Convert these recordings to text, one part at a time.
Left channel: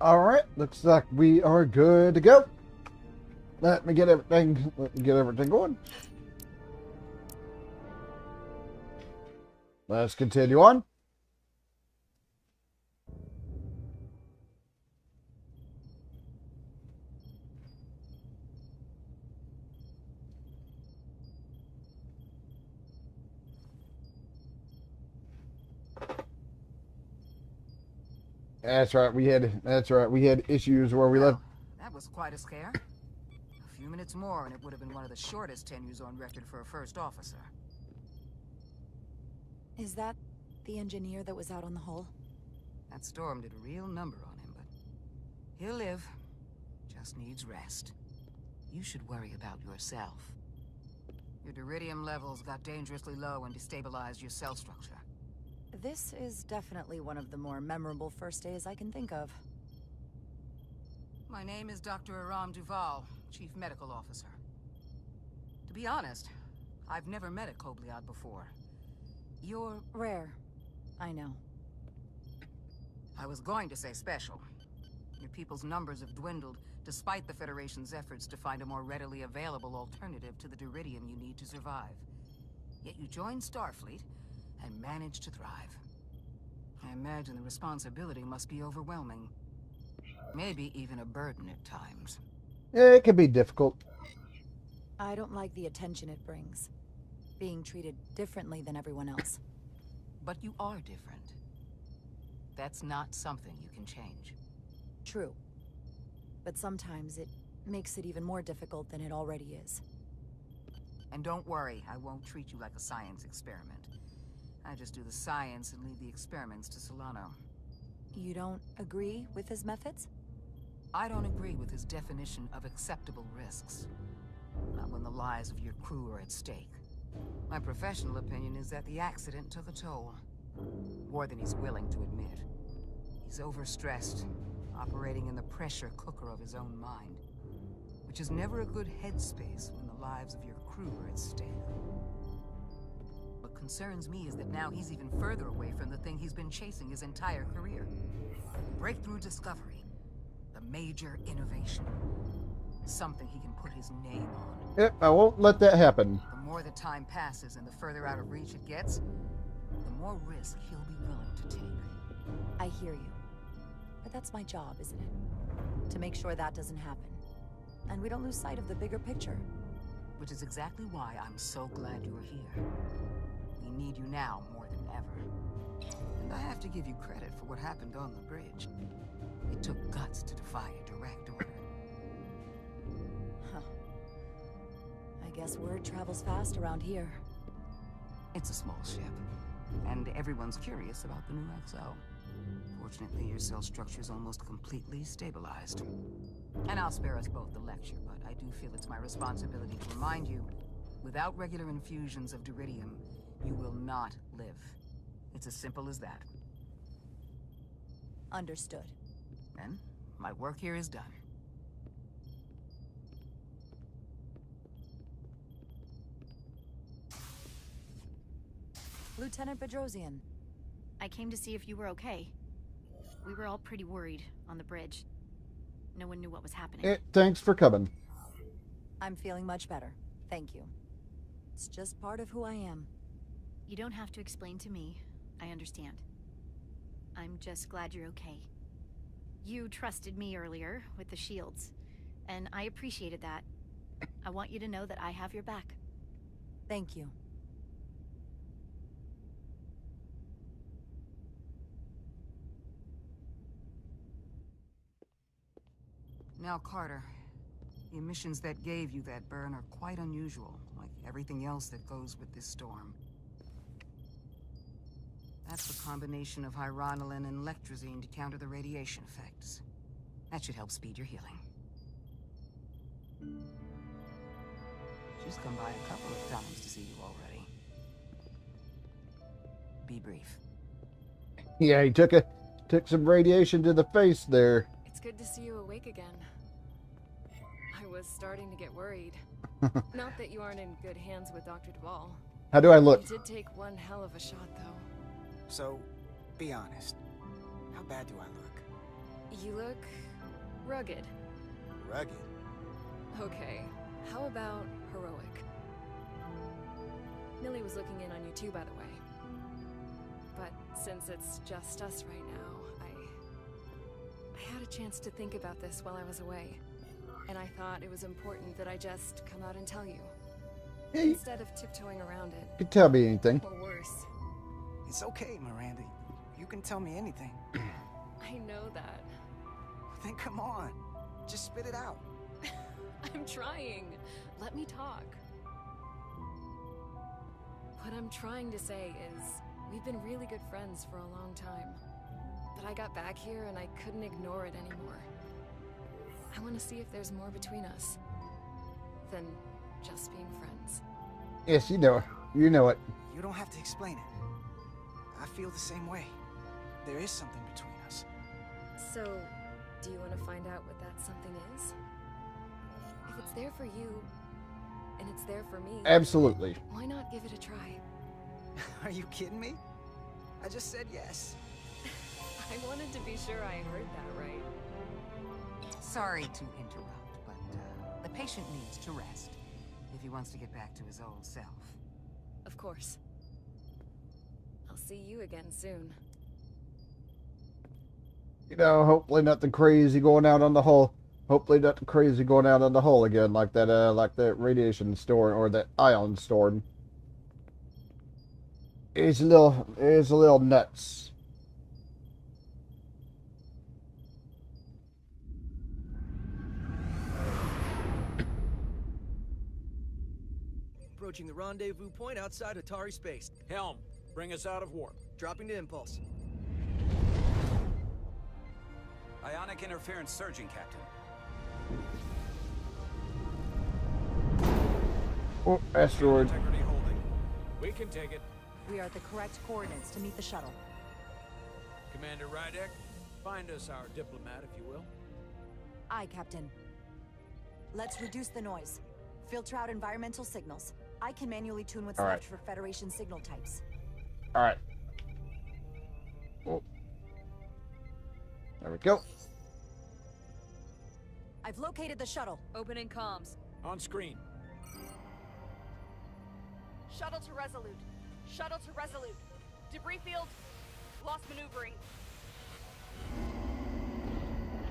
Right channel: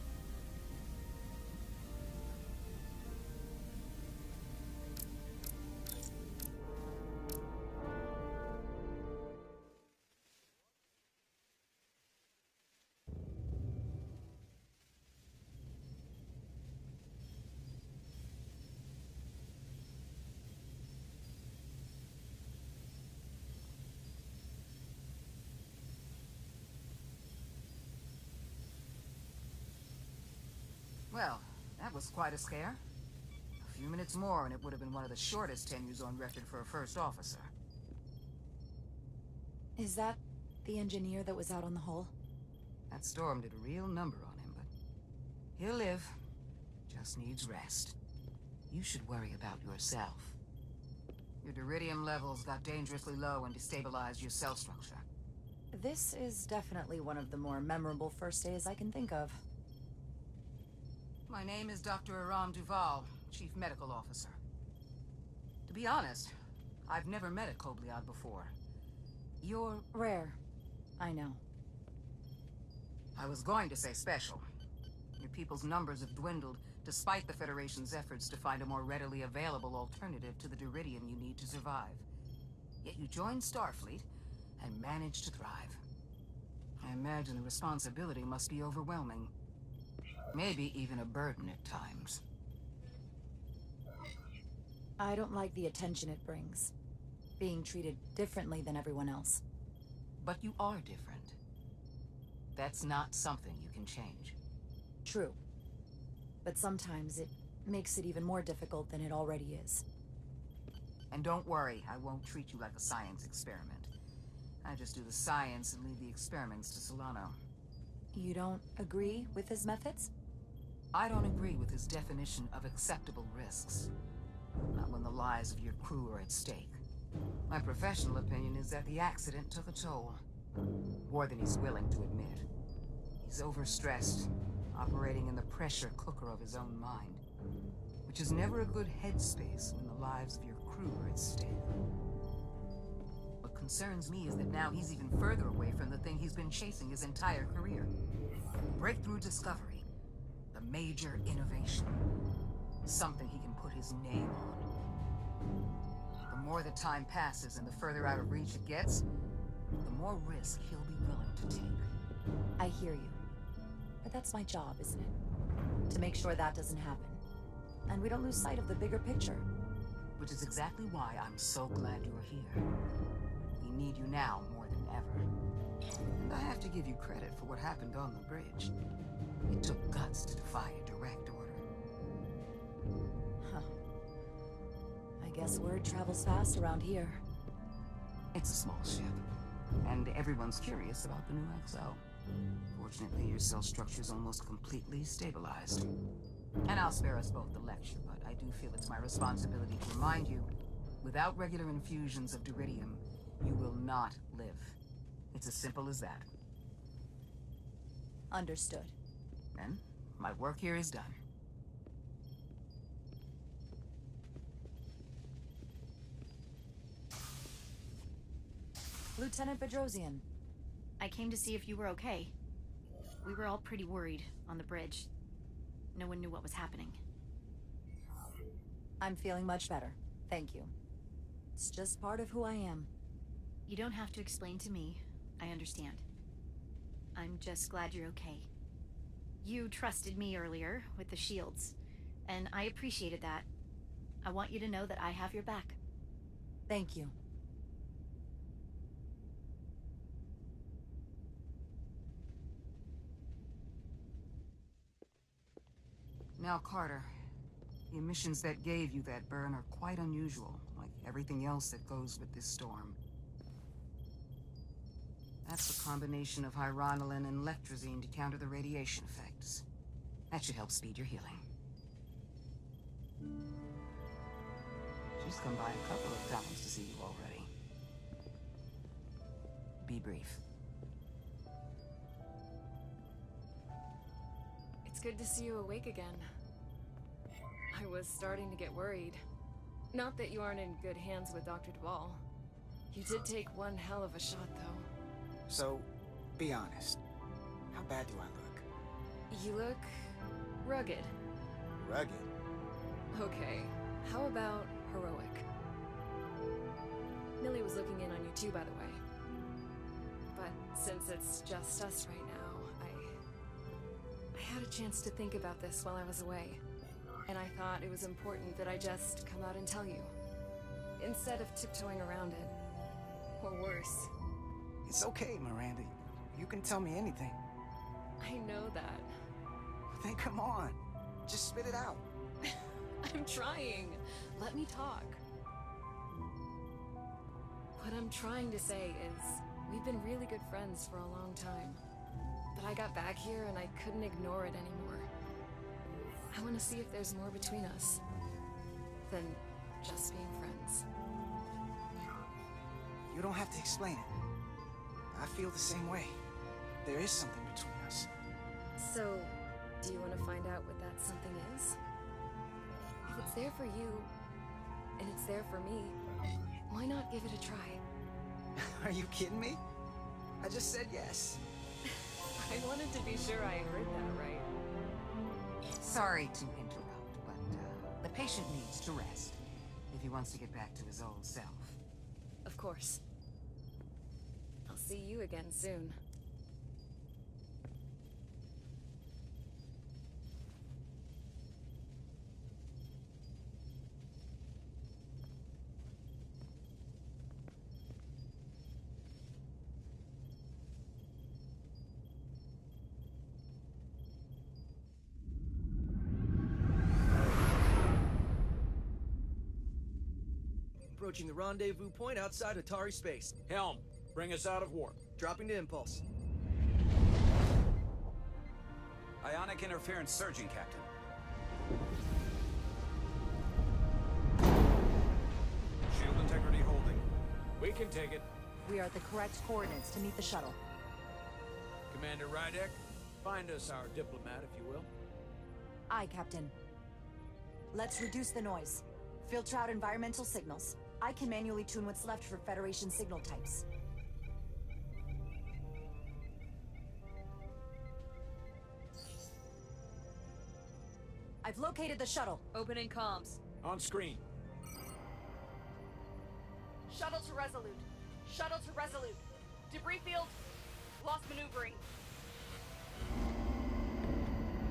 Alright, looks like we are good to go. Let me get everything going. Let's continue on. That's right. We had issues where we left. Well, that was quite a scare. A few minutes more and it would have been one of the shortest tenures on record for a first officer. Is that the engineer that was out on the hull? That storm did a real number on him, but he'll live. Just needs rest. You should worry about yourself. Your duridium levels got dangerously low and destabilized your cell structure. This is definitely one of the more memorable first days I can think of. My name is Dr. Aram Duval, Chief Medical Officer. To be honest, I've never met a Kobliad before. You're rare. I know. I was going to say special. Your people's numbers have dwindled, despite the Federation's efforts to find a more readily available alternative to the duridium you need to survive. Yet you joined Starfleet, and managed to thrive. I imagine the responsibility must be overwhelming. Maybe even a burden at times. Yeah, it can be difficult. I don't like the attention it brings. Being treated differently than everyone else. But you are different. That's not something you can change. True. But sometimes it makes it even more difficult than it already is. And don't worry, I won't treat you like a science experiment. I just do the science and leave the experiments to Solano. You don't agree with his methods? I don't agree with his definition of acceptable risks. Not when the lives of your crew are at stake. My professional opinion is that the accident took a toll. More than he's willing to admit. He's overstressed, operating in the pressure cooker of his own mind. Which is never a good headspace when the lives of your crew are at stake. What concerns me is that now he's even further away from the thing he's been chasing his entire career. Breakthrough discovery. The major innovation. Something he can put his name on. Yep, I won't let that happen. The more the time passes and the further out of reach it gets, the more risk he'll be willing to take. I hear you. But that's my job, isn't it? To make sure that doesn't happen. And we don't lose sight of the bigger picture. Which is exactly why I'm so glad you're here. We need you now more than ever. And I have to give you credit for what happened on the bridge. It took guts to defy a direct order. Huh. I guess word travels fast around here. It's a small ship, and everyone's curious about the new XO. Fortunately, your cell structure's almost completely stabilized. And I'll spare us both the lecture, but I do feel it's my responsibility to remind you, without regular infusions of duridium, you will not live. It's as simple as that. Understood. Then, my work here is done. Lieutenant Bedrosian. I came to see if you were okay. We were all pretty worried on the bridge. No one knew what was happening. Thanks for coming. I'm feeling much better. Thank you. It's just part of who I am. You don't have to explain to me. I understand. I'm just glad you're okay. You trusted me earlier with the shields, and I appreciated that. I want you to know that I have your back. Thank you. Now, Carter, the emissions that gave you that burn are quite unusual, like everything else that goes with this storm. That's a combination of hyronolin and lectrazine to counter the radiation effects. That should help speed your healing. She's come by a couple of times to see you already. Be brief. Yeah, he took some radiation to the face there. It's good to see you awake again. I was starting to get worried. Not that you aren't in good hands with Dr. Duvall. How do I look? You did take one hell of a shot, though. So, be honest. How bad do I look? You look rugged. Rugged. Okay, how about heroic? Millie was looking in on you too, by the way. But since it's just us right now, I had a chance to think about this while I was away. And I thought it was important that I just come out and tell you. Instead of tiptoeing around it. You can tell me anything. Or worse. It's okay, Miranda. You can tell me anything. I know that. Then come on. Just spit it out. I'm trying. Let me talk. What I'm trying to say is, we've been really good friends for a long time. But I got back here and I couldn't ignore it anymore. I want to see if there's more between us than just being friends. Yes, you know it. You know it. You don't have to explain it. I feel the same way. There is something between us. So, do you want to find out what that something is? If it's there for you, and it's there for me, Absolutely. why not give it a try? Are you kidding me? I just said yes. I wanted to be sure I heard that right. Sorry to interrupt, but the patient needs to rest if he wants to get back to his old self. Of course. I'll see you again soon. You know, hopefully nothing crazy going out on the hull. Hopefully nothing crazy going out on the hull again, like that radiation storm or that ion storm. It's a little nuts. Approaching the rendezvous point outside Atari space. Helm, bring us out of warp. Dropping to impulse. Ionic interference surging, Captain. Oh, asteroid. Integrity holding. We can take it. We are at the correct coordinates to meet the shuttle. Commander Rydek, find us our diplomat, if you will. Aye, Captain. Let's reduce the noise. Filter out environmental signals. I can manually tune what's left for Federation signal types. All right. Oh. There we go. I've located the shuttle. Opening comms. On screen. Shuttle to Resolute. Shuttle to Resolute. Debris field. Lost maneuvering.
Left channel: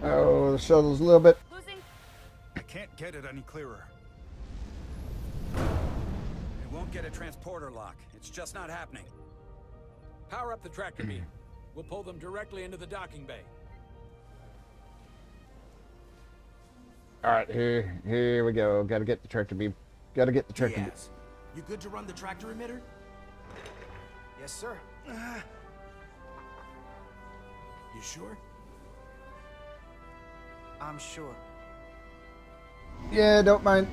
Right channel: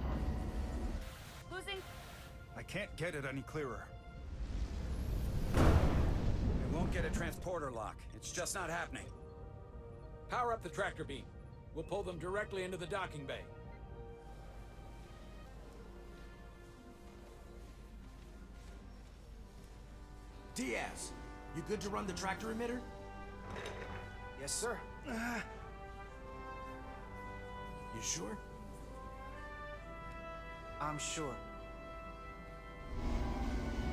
Oh, the shuttle's a little bit. Losing. I can't get it any clearer. It won't get a transporter lock. It's just not happening. Power up the tractor beam. We'll pull them directly into the docking bay. All right, here we go. Gotta get the tractor beam. Gotta get the tractor beam. Diaz, you good to run the tractor emitter? Yes, sir. You sure? I'm sure. Yeah, don't mind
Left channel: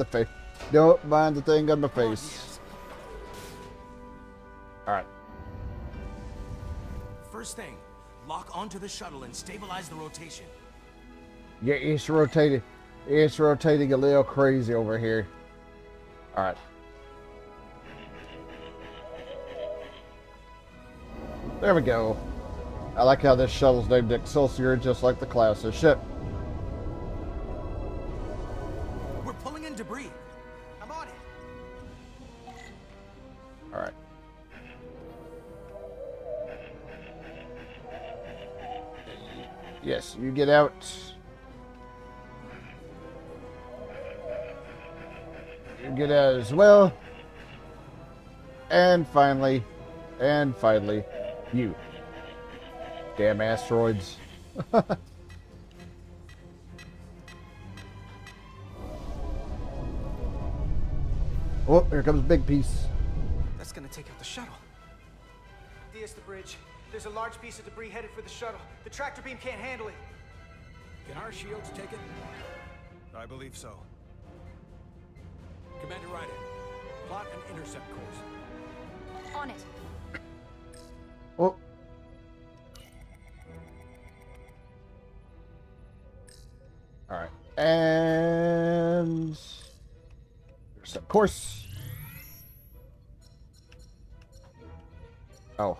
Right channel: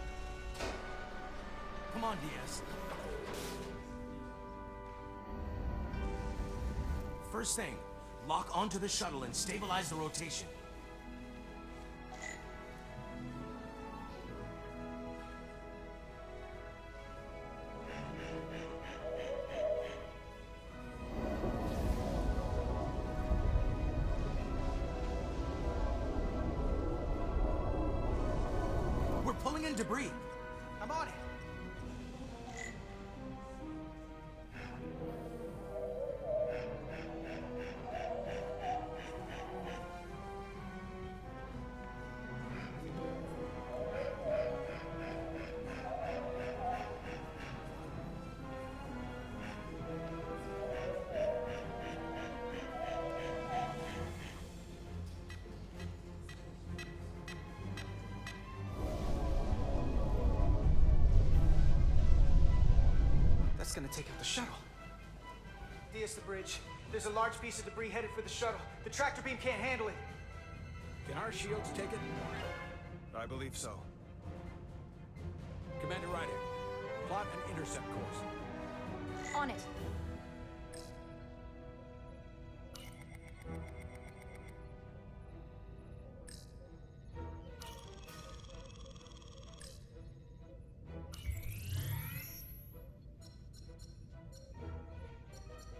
the face. Don't mind the thing on the Come on, face. Diaz. All right. First thing, lock onto the shuttle and stabilize the rotation. Yeah, it's rotating. It's rotating a little crazy over here. All right. There we go. I like how this shuttle's named Excelsior, just like the class of ship. We're pulling in debris. I'm on it. All right. Yes, you get out. You get out as well. And finally, you. Damn asteroids. Oh, here comes a big piece. That's gonna take out the shuttle. Diaz, the bridge. There's a large piece of debris headed for the shuttle. The tractor beam can't handle it. Can our shields take it? I believe so. Commander Rydek, plot an intercept course. On it. Oh. All right. And Set course. Oh.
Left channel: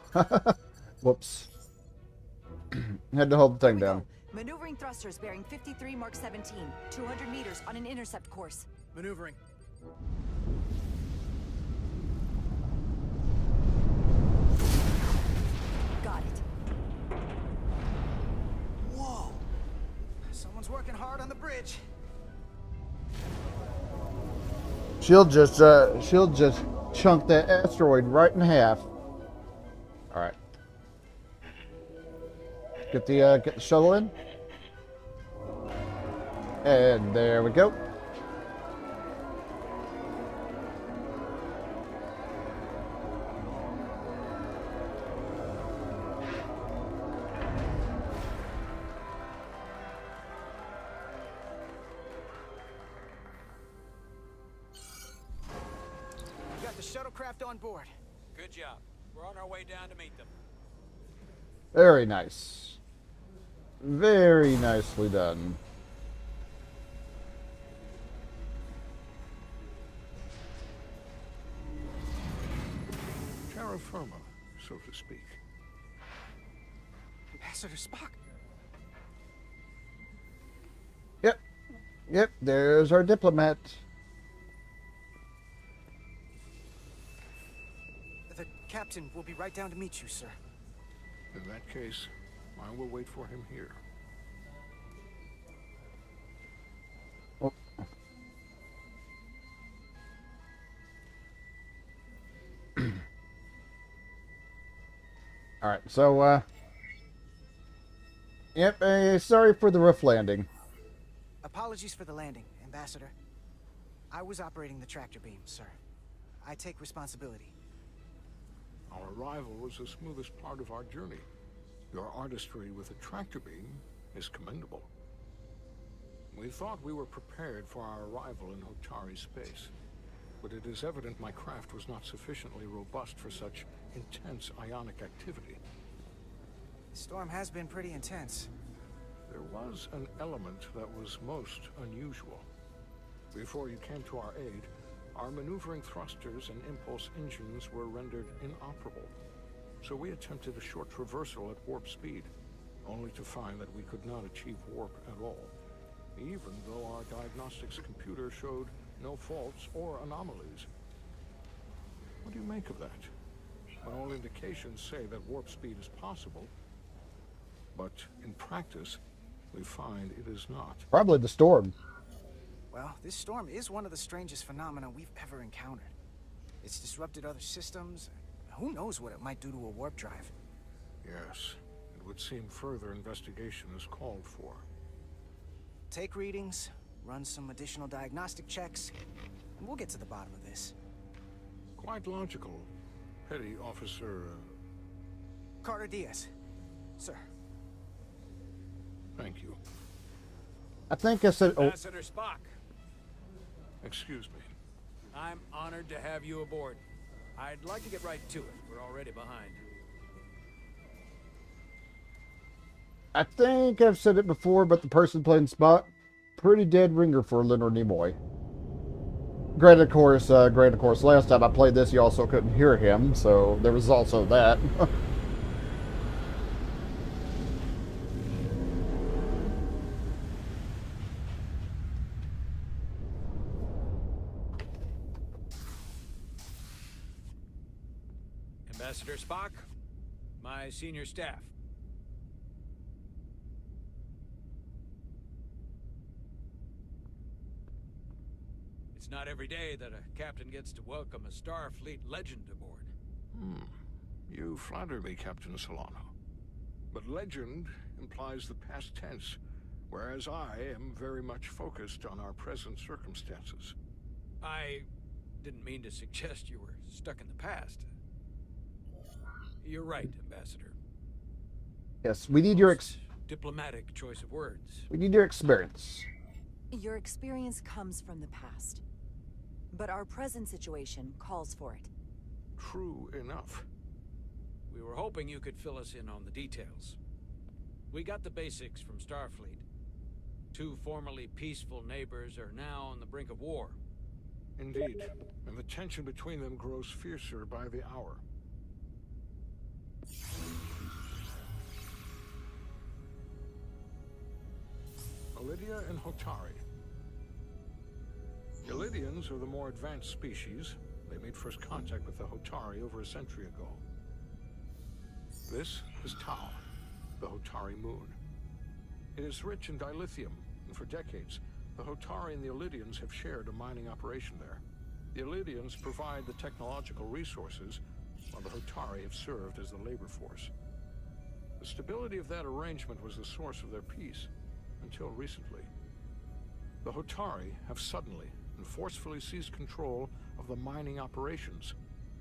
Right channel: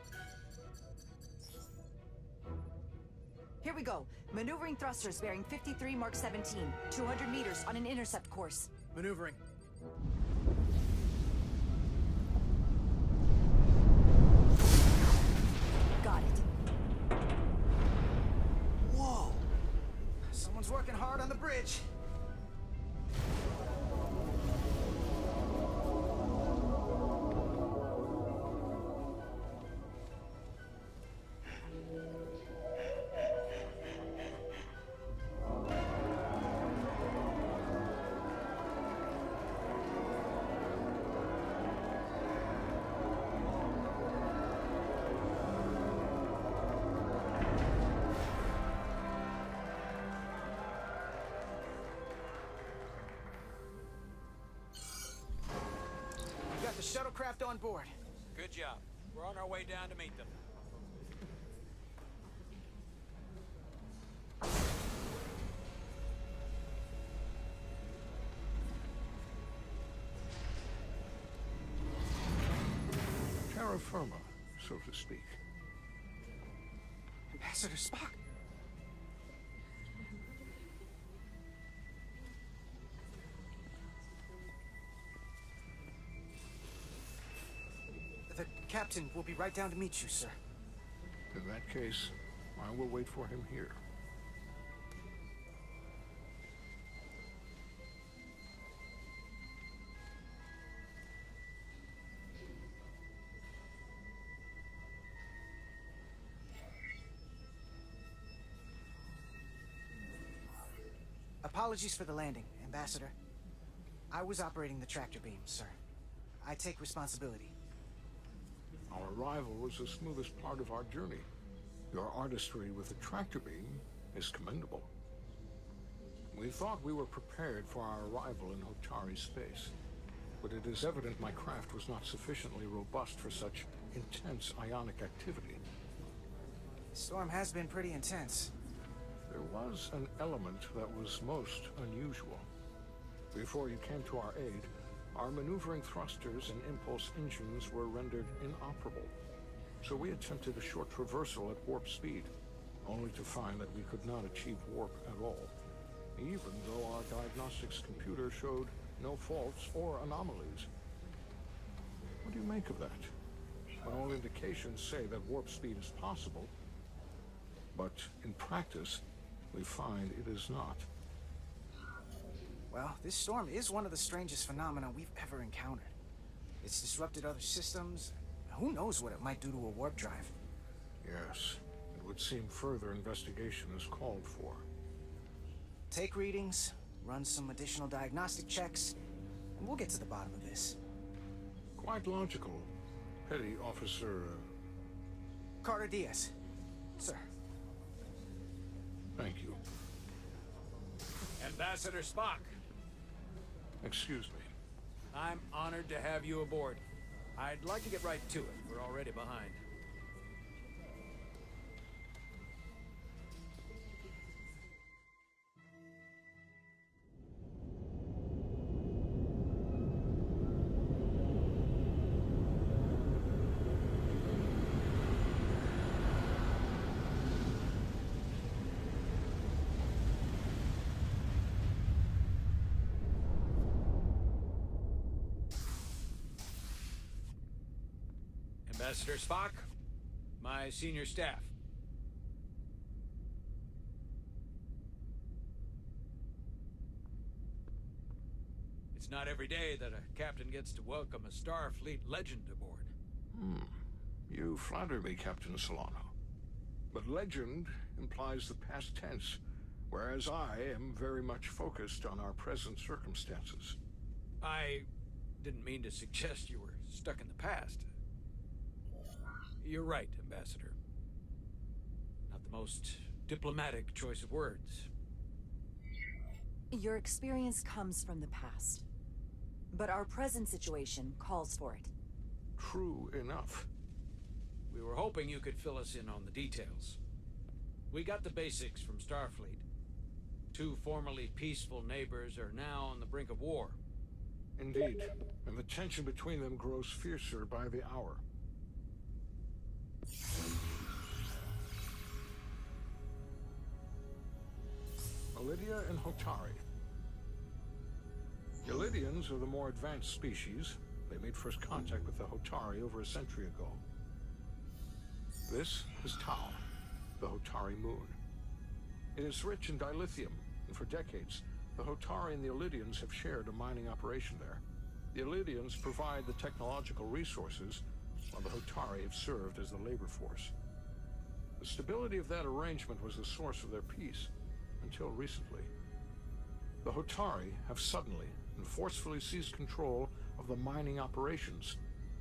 Whoops. Had to hold the Here thing we down. go. Maneuvering thrusters bearing 53 Mark 17. 200 meters on an intercept course. Maneuvering. Got it. Whoa! Someone's working hard on the bridge. She'll just chunk that asteroid right in half. All right. Get the shuttle in. And there we go. We got the shuttlecraft on board. Good job. We're on our way down to meet them. Very nice. Very nicely done. Terra firma, so to speak. Ambassador Spock. Yep, there's our diplomat. The captain will be right down to meet you, sir. In that case, I will wait for him here. Oh. All right, so yep, sorry for the rough landing. Apologies for the landing, Ambassador. I was operating the tractor beam, sir. I take responsibility. Our arrival was the smoothest part of our journey. Your artistry with the tractor beam is commendable. We thought we were prepared for our arrival in Hotari space, but it is evident my craft was not sufficiently robust for such intense ionic activity. The storm has been pretty intense. There was an element that was most unusual. Before you came to our aid, our maneuvering thrusters and impulse engines were rendered inoperable. So we attempted a short traversal at warp speed, only to find that we could not achieve warp at all, even though our diagnostics computer showed no faults or anomalies. What do you make of that? When all indications say that warp speed is possible, but in practice, we find it is not. Probably the storm. Well, this storm is one of the strangest phenomena we've ever encountered. It's disrupted other systems. Who knows what it might do to a warp drive? Yes, it would seem further investigation is called for. Take readings, run some additional diagnostic checks, and we'll get to the bottom of this. Quite logical. Petty Officer... Carter Diaz. Sir. Thank you. I think I said... Ambassador Spock, Excuse me. I'm honored to have you aboard. I'd like to get right to it. We're already behind. I think I've said it before, but the person playing Spock, pretty dead ringer for Leonard Nimoy. Granted, of course, last time I played this, you also couldn't hear him, so there was also that. Ambassador Spock, my senior staff. It's not every day that a captain gets to welcome a Starfleet legend aboard. You flatter me, Captain Solano. But legend implies the past tense, whereas I am very much focused on our present circumstances. I didn't mean to suggest you were stuck in the past. You're right, Ambassador. Yes, we need your diplomatic choice of words. we need your experience. Your experience comes from the past. But our present situation calls for it. True enough. We were hoping you could fill us in on the details. We got the basics from Starfleet. Two formerly peaceful neighbors are now on the brink of war. Indeed, and the tension between them grows fiercer by the hour. Lydia and Hotari. The Lydians are the more advanced species. They made first contact with the Hotari over a century ago. This is Tau, the Hotari moon. It is rich in dilithium, and for decades, the Hotari and the Lydians have shared a mining operation there. The Lydians provide the technological resources, while the Hotari have served as the labor force. The stability of that arrangement was the source of their peace, until recently. The Hotari have suddenly and forcefully seized control of the mining operations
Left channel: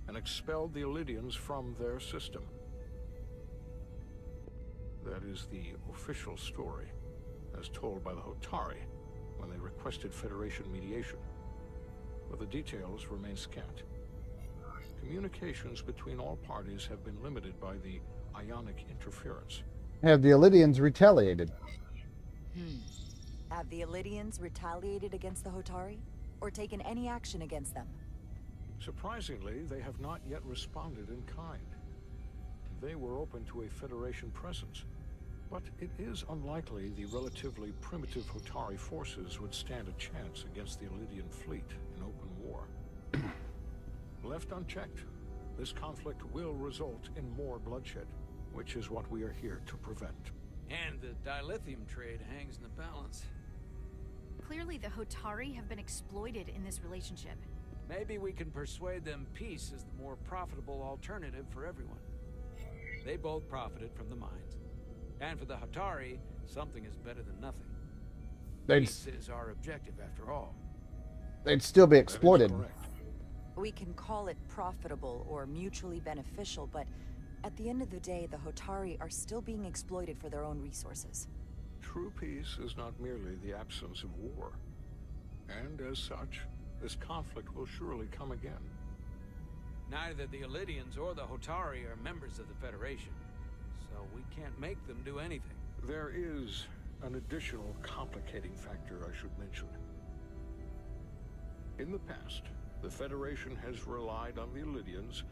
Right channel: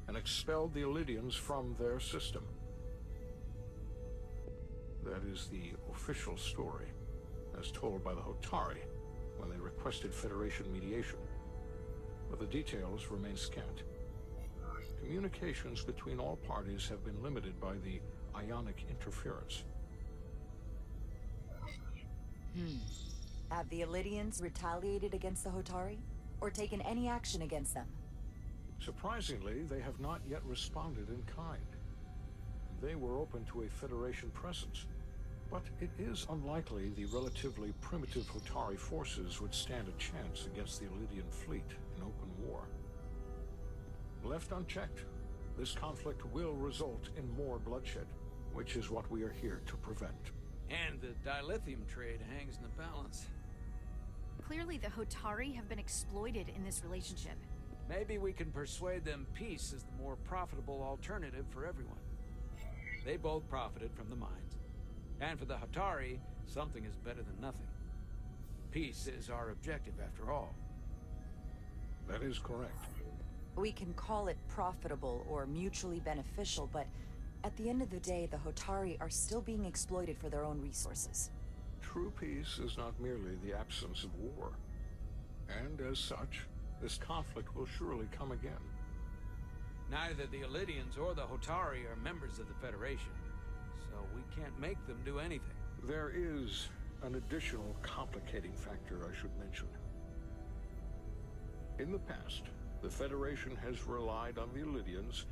and expelled the Lydians from their system. That is the official story, as told by the Hotari when they requested Federation mediation. But the details remain scant. Communications between all parties have been limited by the ionic interference. Have the Elydians retaliated? Have the Elydians retaliated against the Hotari? Or taken any action against them? Surprisingly, they have not yet responded in kind. They were open to a Federation presence, but it is unlikely the relatively primitive Hotari forces would stand a chance against the Elydian fleet in open war. Left unchecked, this conflict will result in more bloodshed, which is what we are here to prevent. And the dilithium trade hangs in the balance. Clearly the Hotari have been exploited in this relationship. Maybe we can persuade them peace is the more profitable alternative for everyone. They both profited from the mines. And for the Hotari, something is better than nothing. Peace is our objective, after all. They'd still be exploited. That is correct. We can call it profitable or mutually beneficial, but at the end of the day, the Hotari are still being exploited for their own resources. True peace is not merely the absence of war. And as such, this conflict will surely come again. Neither the Elydians or the Hotari are members of the Federation, so we can't make them do anything. There is an additional complicating factor I should mention. In the past, the Federation has relied on the Elydians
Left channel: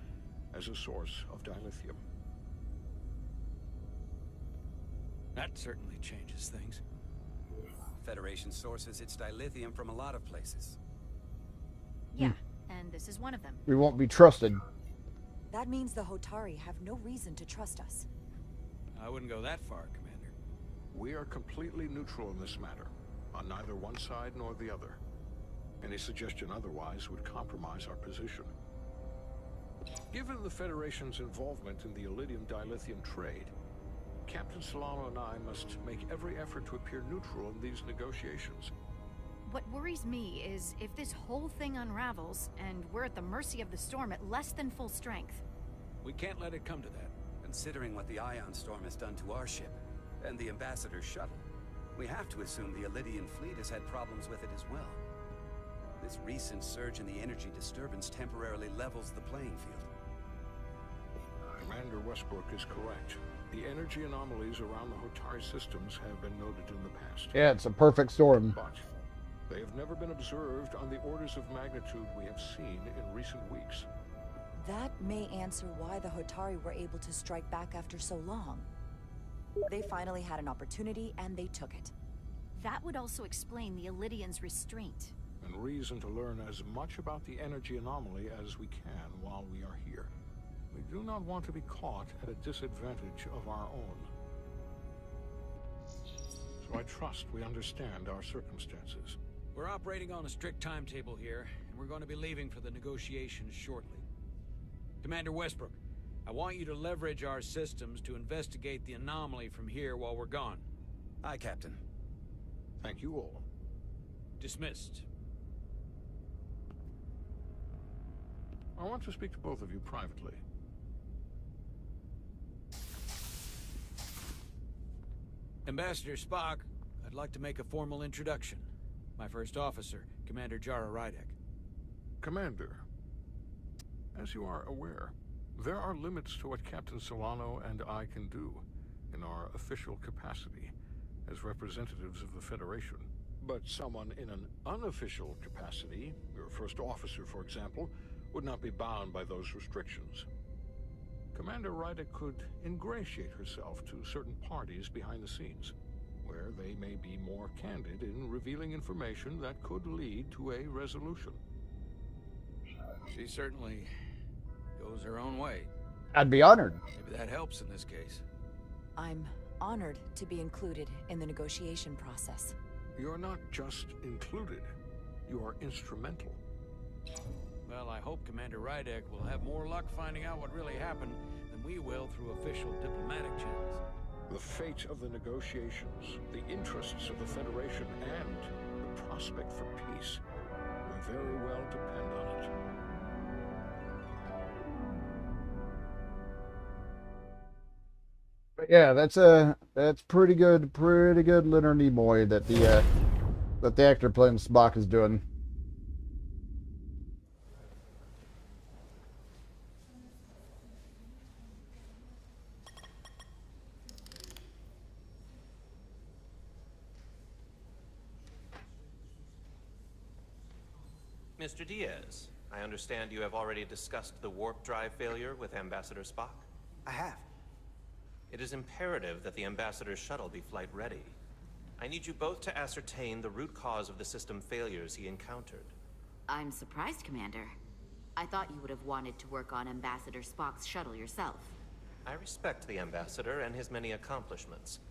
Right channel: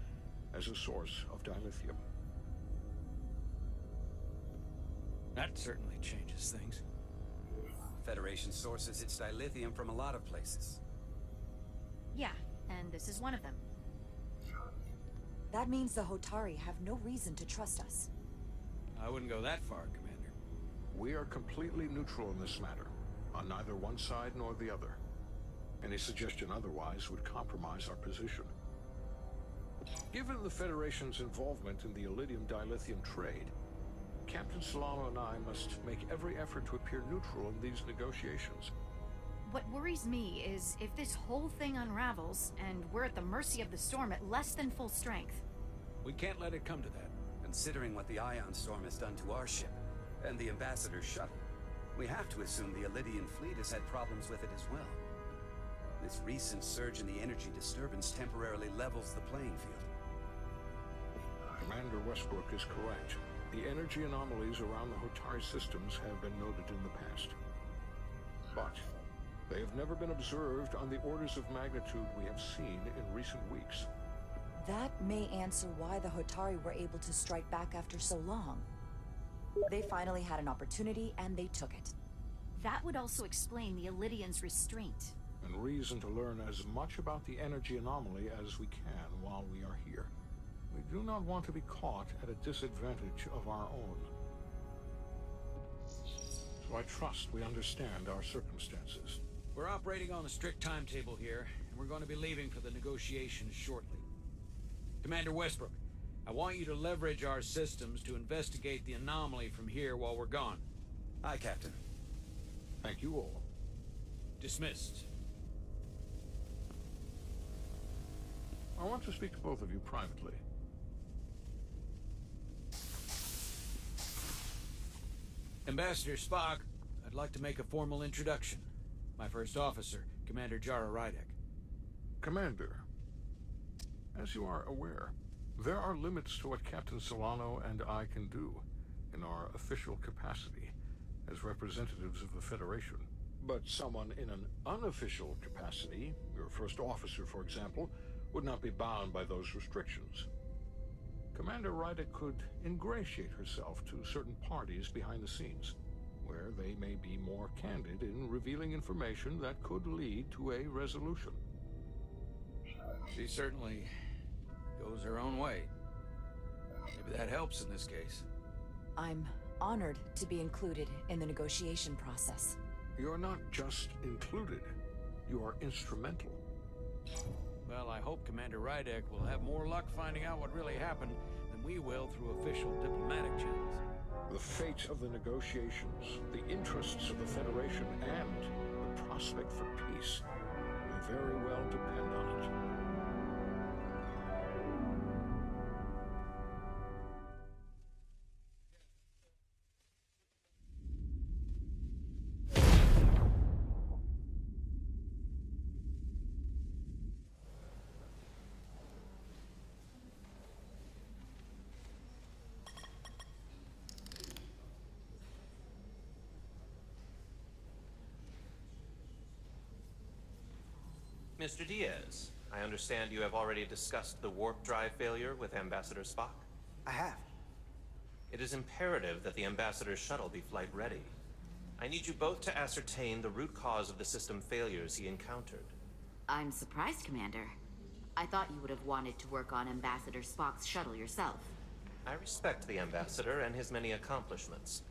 as a source of dilithium. That certainly changes things. Federation sources its dilithium from a lot of places. Yeah, and this is one of them. We won't be trusted. That means the Hotari have no reason to trust us. I wouldn't go that far, Commander. We are completely neutral in this matter, on neither one side nor the other. Any suggestion otherwise would compromise our position. Given the Federation's involvement in the Elydium dilithium trade, Captain Solano and I must make every effort to appear neutral in these negotiations. What worries me is if this whole thing unravels, and we're at the mercy of the storm at less than full strength. We can't let it come to that. Considering what the ion storm has done to our ship, and the Ambassador's shuttle, we have to assume the Elydian fleet has had problems with it as well. This recent surge in the energy disturbance temporarily levels the playing field. Commander Westbrook is correct. The energy anomalies around the Hotari systems have been noted in the past. Yeah, it's a perfect storm. But they have never been observed on the orders of magnitude we have seen in recent weeks. That may answer why the Hotari were able to strike back after so long. They finally had an opportunity, and they took it. That would also explain the Elydians' restraint. And reason to learn as much about the energy anomaly as we can while we are here. We do not want to be caught at a disadvantage of our own. So I trust we understand our circumstances. We're operating on a strict timetable here, and we're going to be leaving for the negotiations shortly. Commander Westbrook, I want you to leverage our systems to investigate the anomaly from here while we're gone. Aye, Captain. Thank you all. Dismissed. I want to speak to both of you privately. Ambassador Spock, I'd like to make a formal introduction. My first officer, Commander Jara Rydek. Commander, as you are aware, there are limits to what Captain Solano and I can do in our official capacity as representatives of the Federation. But someone in an unofficial capacity, your first officer, for example, would not be bound by those restrictions. Commander Ryder could ingratiate herself to certain parties behind the scenes, where they may be more candid in revealing information that could lead to a resolution. She certainly goes her own way. I'd be honored. Maybe that helps in this case. I'm honored to be included in the negotiation process. You're not just included, you are instrumental. Well, I hope Commander Rydek will have more luck finding out what really happened than we will through official diplomatic channels. The fate of the negotiations, the interests of the Federation, and the prospect for peace will very well depend on it. But yeah, that's pretty good Leonard Nimoy that the actor playing Spock is doing. Mr. Diaz, I understand you have already discussed the warp drive failure with Ambassador Spock? I have. It is imperative that the Ambassador's shuttle be flight ready. I need you both to ascertain the root cause of the system failures he encountered. I'm surprised, Commander. I thought you would have wanted to work on Ambassador Spock's shuttle yourself. I respect the Ambassador and his many accomplishments,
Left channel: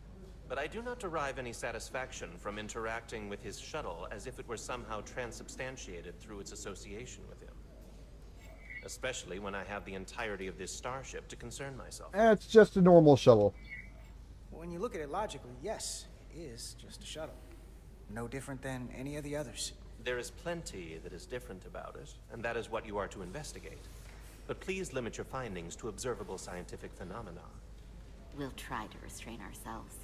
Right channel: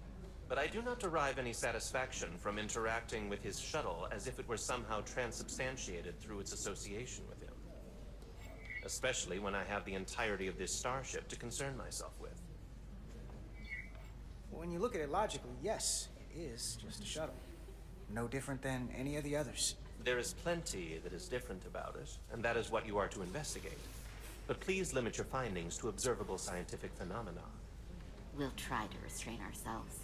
but I do not derive any satisfaction from interacting with his shuttle as if it were somehow transubstantiated through its association with him. Especially when I have the entirety of this starship to concern myself. It's just a normal shuttle. When you look at it logically, yes, it is just a shuttle. No different than any of the others. There is plenty that is different about it, and that is what you are to investigate. But please limit your findings to observable scientific phenomena. We'll try to restrain ourselves.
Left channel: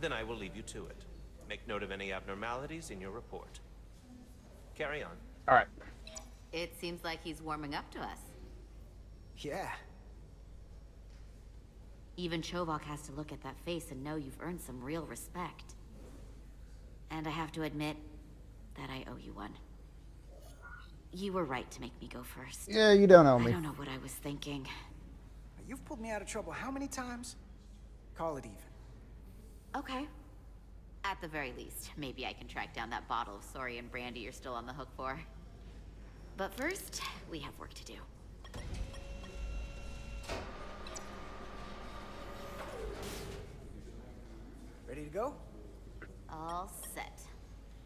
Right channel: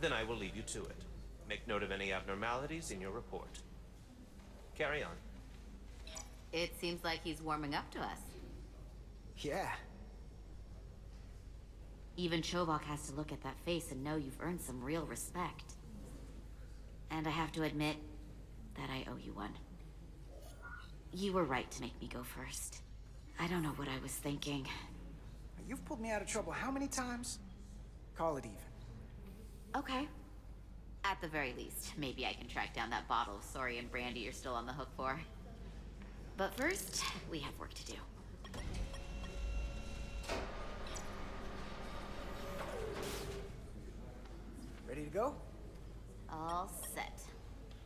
Then I will leave you to it. Make note of any abnormalities in your report. Carry on. All right. It seems like he's warming up to us. Yeah. Even Chobok has to look at that face and know you've earned some real respect. And I have to admit that I owe you one. You were right to make me go first. Yeah, you don't owe me. I don't know what I was thinking. You've pulled me out of trouble how many times? Call it even. Okay. At the very least, maybe I can track down that bottle of Saurian brandy you're still on the hook for. But first, we have work to do. Ready to go? All set.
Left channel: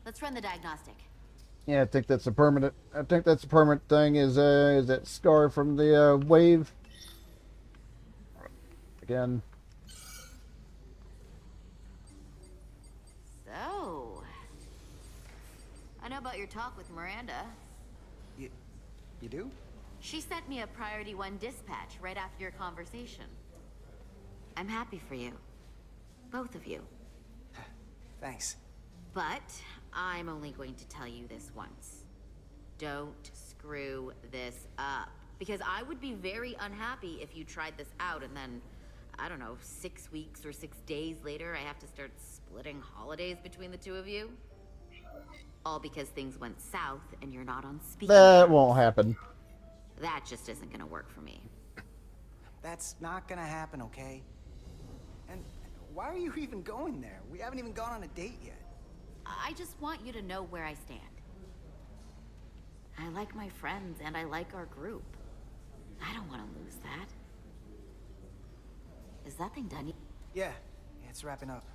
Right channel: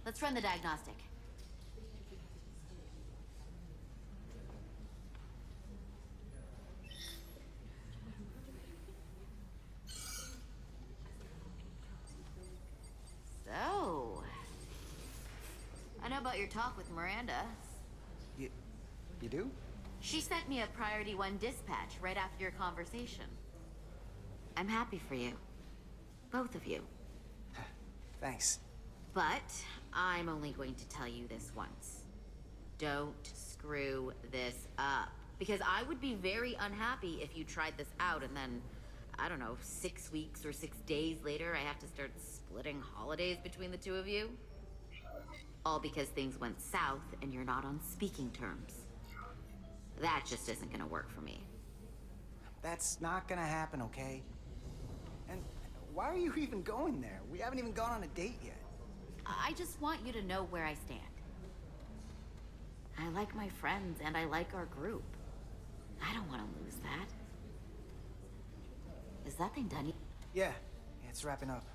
Let's run the diagnostic. Yeah, I think that's a permanent. I think that's a permanent thing. Is that scar from the wave? Again. So, I know about your talk with Miranda. You do? She sent me a Priority 1 dispatch right after your conversation. I'm happy for you. Both of you. Thanks. But I'm only going to tell you this once. Don't screw this up. Because I would be very unhappy if you tried this out and then, I don't know, 6 weeks or 6 days later, I have to start splitting holidays between the two of you. All because things went south and you're not on speaking That terms. won't happen. That just isn't gonna work for me. That's not gonna happen, okay? And why are you even going there? We haven't even gone on a date yet. I just want you to know where I stand. I like my friends and I like our group. I don't want to lose that. Is that thing done? Yeah, it's wrapping up.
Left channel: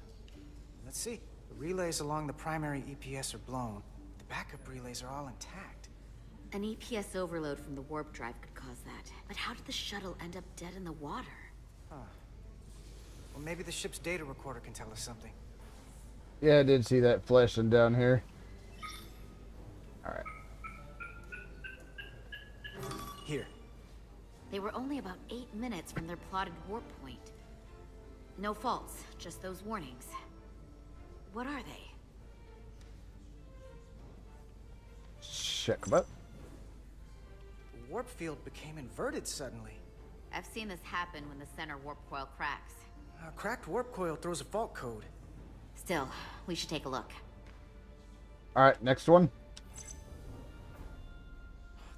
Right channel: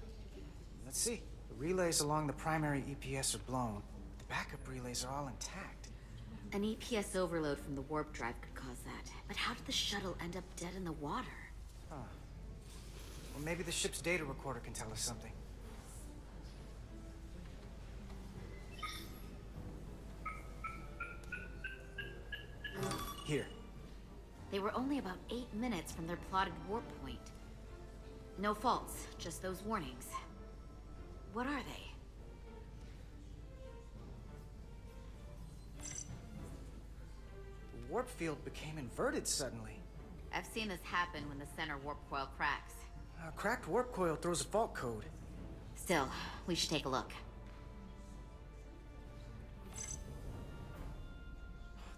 Let's see. The relays along the primary EPS are blown. The backup relays are all intact. An EPS overload from the warp drive could cause that. But how did the shuttle end up dead in the water? Huh. Well, maybe the ship's data recorder can tell us something. Yeah, I did see that flashing down here. Alright. Here. They were only about 8 minutes from their plotted warp point. No faults, just those warnings. What are they? Check what? The warp field became inverted suddenly. I've seen this happen when the center warp coil cracks. A cracked warp coil throws a fault code. Still, we should take a look. Alright, next one.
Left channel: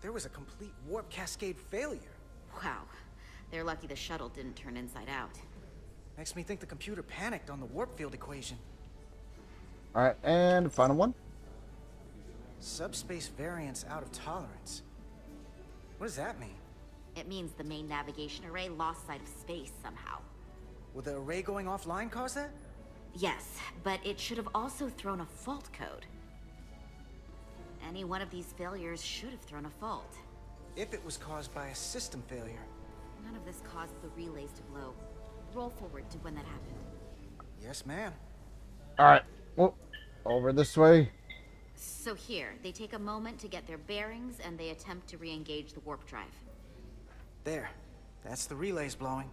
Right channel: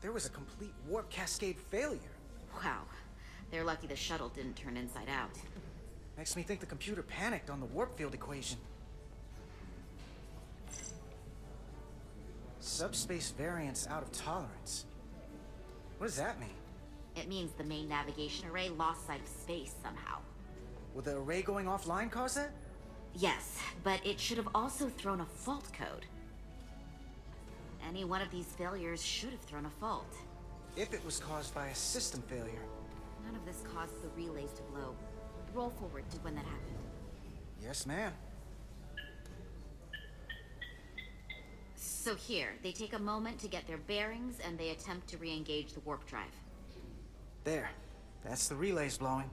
There was a complete warp cascade failure. Wow. They're lucky the shuttle didn't turn inside out. Makes me think the computer panicked on the warp field equation. Alright, and final one. Subspace variance out of tolerance. What does that mean? It means the main navigation array lost sight of space somehow. Will the array going offline cause that? Yes, but it should have also thrown a fault code. Any one of these failures should have thrown a fault. If it was caused by a system failure. None of this caused the relays to blow. Roll forward to when that happened. Yes, ma'am. Alright, well, over this way. So here, they take a moment to get their bearings and they attempt to re-engage the warp drive. There. That's the relays blowing.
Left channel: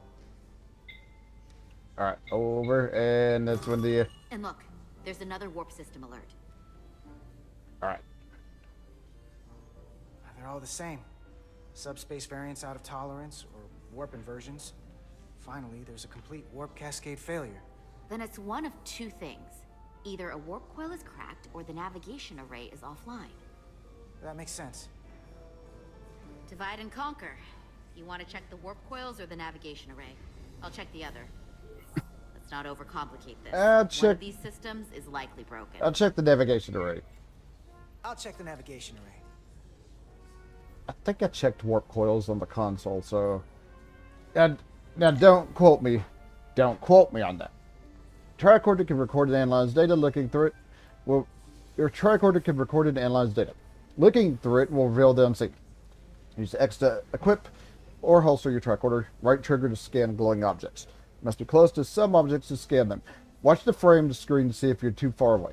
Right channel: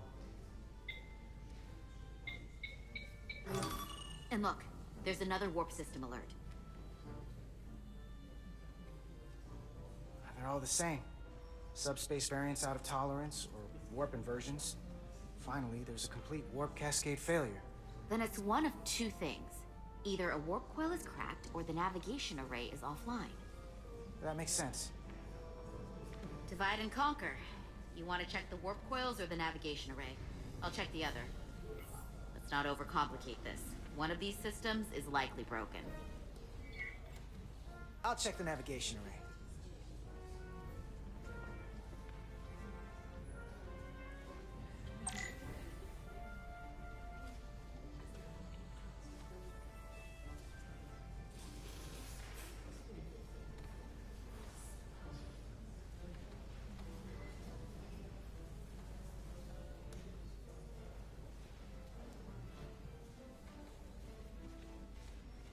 Alright, over, and that's when the... And look, there's another warp system alert. Alright. They're all the same. Subspace variance out of tolerance, or warp inversions. Finally, there's a complete warp cascade failure. Then it's one of two things. Either a warp coil is cracked, or the navigation array is offline. That makes sense. Divide and conquer. You want to check the warp coils or the navigation array? I'll check the other. Let's not overcomplicate this. One of these systems is likely broken. I'll check the navigation array. I'll check the navigation array. I think I checked warp coils on the console, so... Now don't quote me. Don't quote me on that. Tricorder can record and analyze data. Looking through it, well, your tricorder can record and analyze data. Looking through it will reveal the unseen. Use X to equip or holster your tricorder. Right trigger to scan glowing objects. Must be close to some objects to scan them. Watch the frame to screen to see if you're too far away.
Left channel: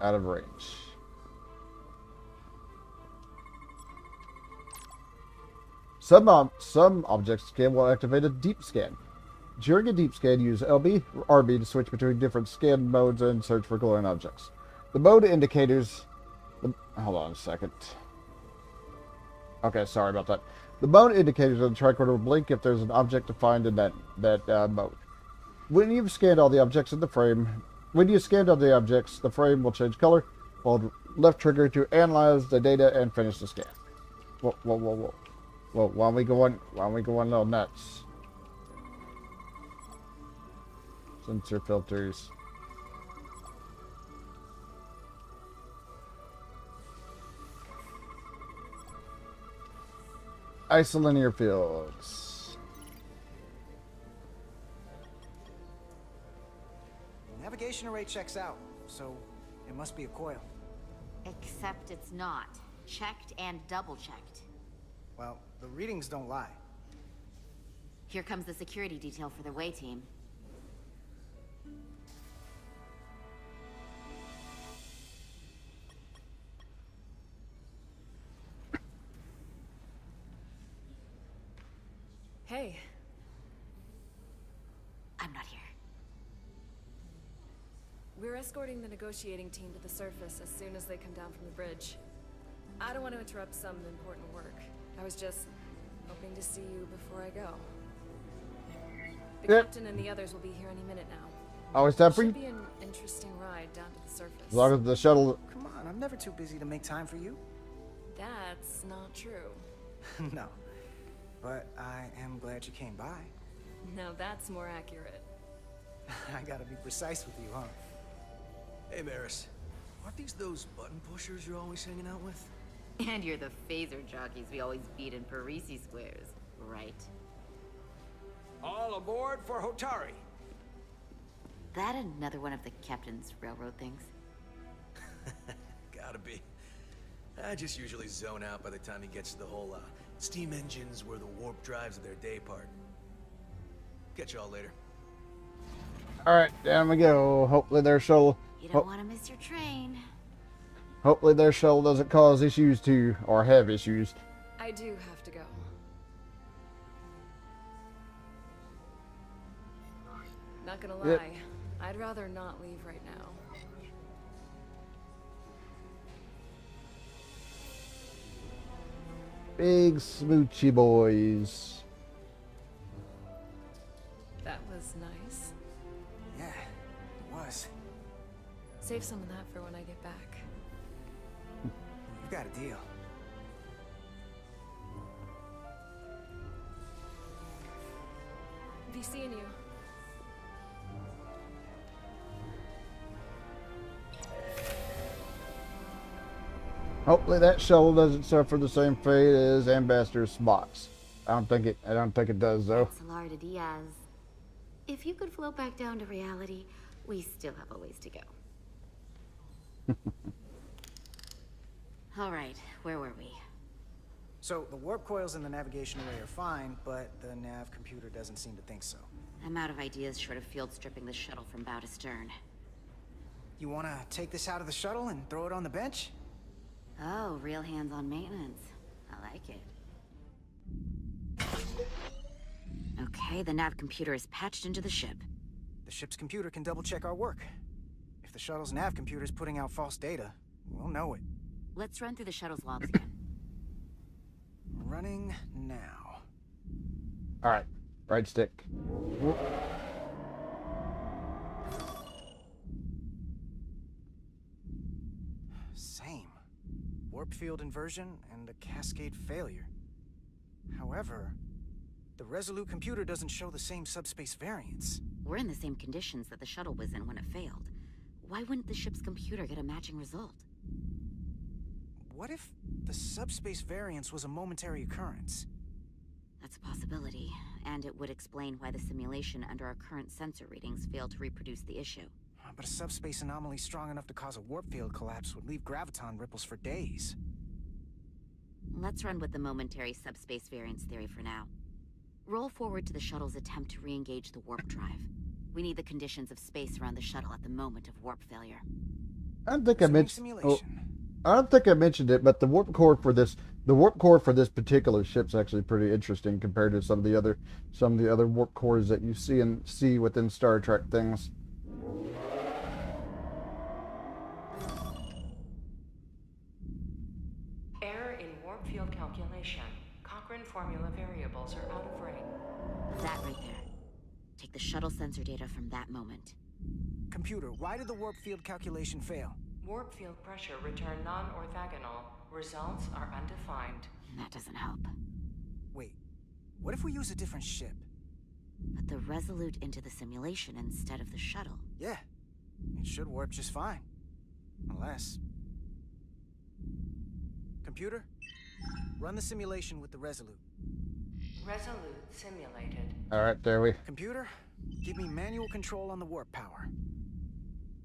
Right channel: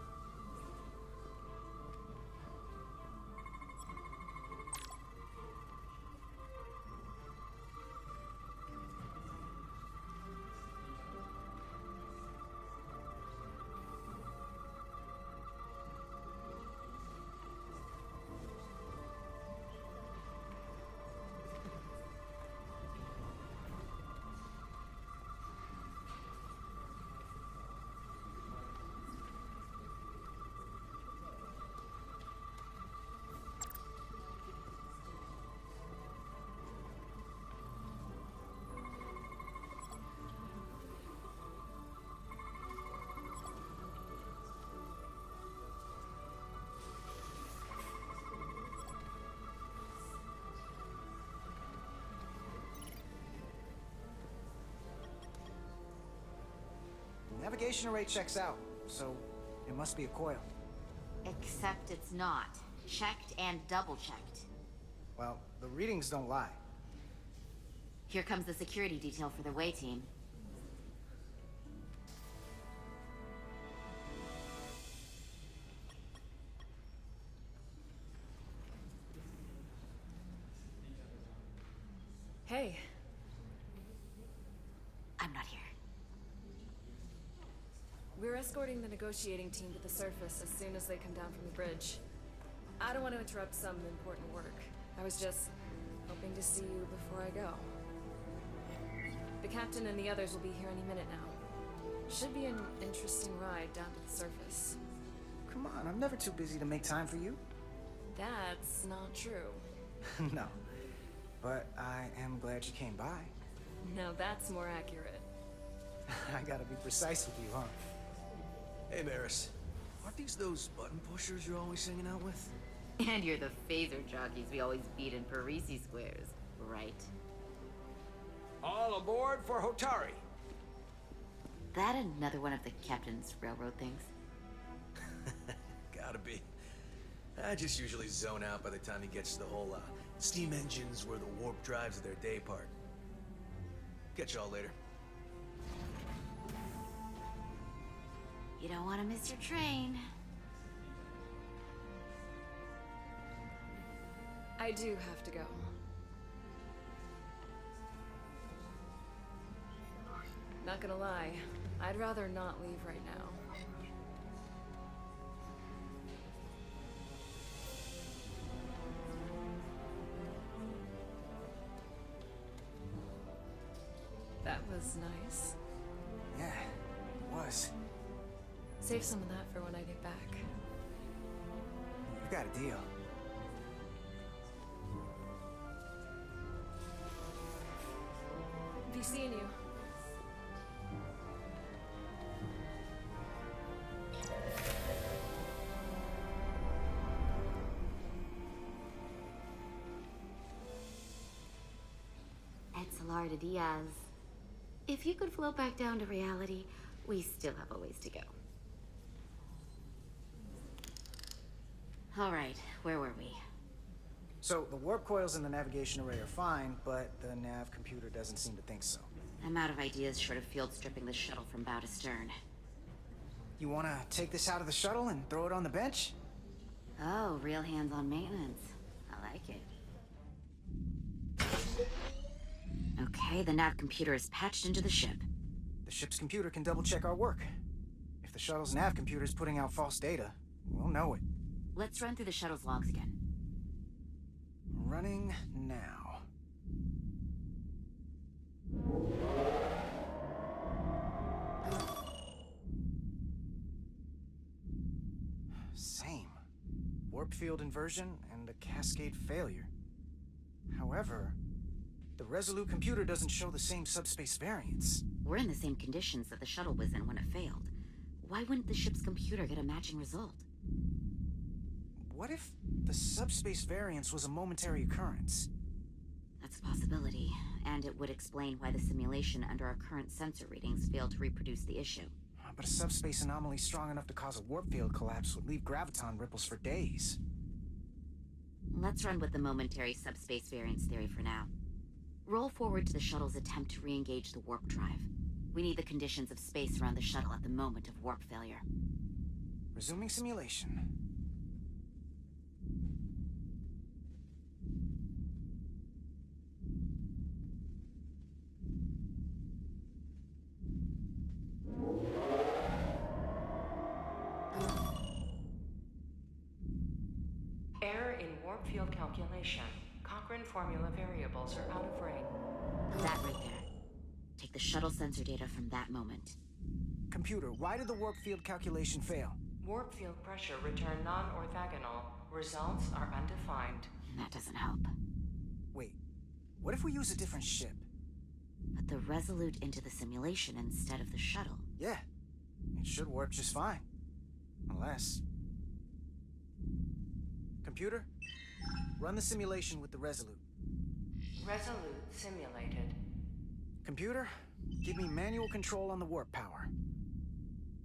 Out of range. Some object scan will activate a deep scan. During a deep scan, use LB or RB to switch between different scan modes and search for glowing objects. The mode indicators... hold on a second. Okay, sorry about that. The mode indicators on the tricorder will blink if there's an object to find in that mode. When you've scanned all the objects in the frame... When you scanned all the objects, the frame will change color. Hold left trigger to analyze the data and finish the scan. Whoa. Well, why are we going a little nuts? Sensor filters. Isolinear fields. Navigation array checks out, so it must be a coil. Except it's not. Checked and double-checked. Well, the readings don't lie. Here comes the security detail for the way team. Hey. I'm not here. We're escorting the negotiating team to the surface as soon as they come down from the bridge. I don't want to interrupt some important work. I was just hoping to see you before I go. The captain and the others will be here any minute now. Always time for you. Should be an interesting ride down to the surface. As long as the shuttle... Come on, I'm never too busy to make time for you. That's not true. No. But I am glad you came by. Now that's more accurate. I gotta be precise with you, huh? Hey, Maris. Aren't these those button pushers you're always hanging out with? And you're the phaser jockeys we always beat in Parisi squares, right? All aboard for Hotari. That another one of the captain's railroad things? Gotta be. I just usually zone out by the time he gets to the whole steam engines were the warp drives of their day part. Catch y'all later. Alright, down we go. Hopefully their shuttle... You don't want to miss your train. Hopefully their shuttle doesn't cause issues too, or have issues. I do have to go. Not gonna lie, I'd rather not leave right now. Big smoochy boys. was nice. Yeah, it was. Save some of that for when I get back. We've got a deal. Be seeing you. Hopefully that shuttle doesn't suffer the same fate as Ambassador Spock's. I don't think it does though. Salar de Diaz. If you could float back down to reality, we still have a ways to go. All right, where were we? So, the warp coils in the navigation array are fine, but the nav computer doesn't seem to think so. I'm out of ideas short of field stripping the shuttle from bow to stern. You wanna take this out of the shuttle and throw it on the bench? Oh, real hands-on maintenance. I like it. Okay, the nav computer is patched into the ship. The ship's computer can double-check our work. If the shuttle's nav computer is putting out false data, we'll know it. Let's run through the shuttle's logs again. Running now. Alright, right stick. Same. Warp field inversion and a cascade failure. However, the Resolute computer doesn't show the same subspace variance. We're in the same conditions that the shuttle was in when it failed. Why wouldn't the ship's computer get a matching result? What if the subspace variance was a momentary occurrence? That's a possibility, and it would explain why the simulation under our current sensor readings failed to reproduce the issue. But a subspace anomaly strong enough to cause a warp field collapse would leave graviton ripples for days. Let's run with the momentary subspace variance theory for now. Roll forward to the shuttle's attempt to re-engage the warp drive. We need the conditions of space around the shuttle at the moment of warp failure. I don't think I mentioned simulation. I don't think I mentioned it, but the warp core for this particular ship's actually pretty interesting compared to some of the other warp cores that you see within Star Trek things. Error in warp field calculation. Cochrane formula variables are out of range. That right there. Take the shuttle sensor data from that moment. Computer, why did the warp field calculation fail? Warp field pressure returned non-orthogonal. Results are undefined. That doesn't help. Wait, what if we use a different ship? Put the Resolute into the simulation instead of the shuttle. Yeah, it should warp just fine. Unless... Computer, run the simulation with the Resolute. Resolute simulated. Alright, there we... Computer, give me manual control on the warp power.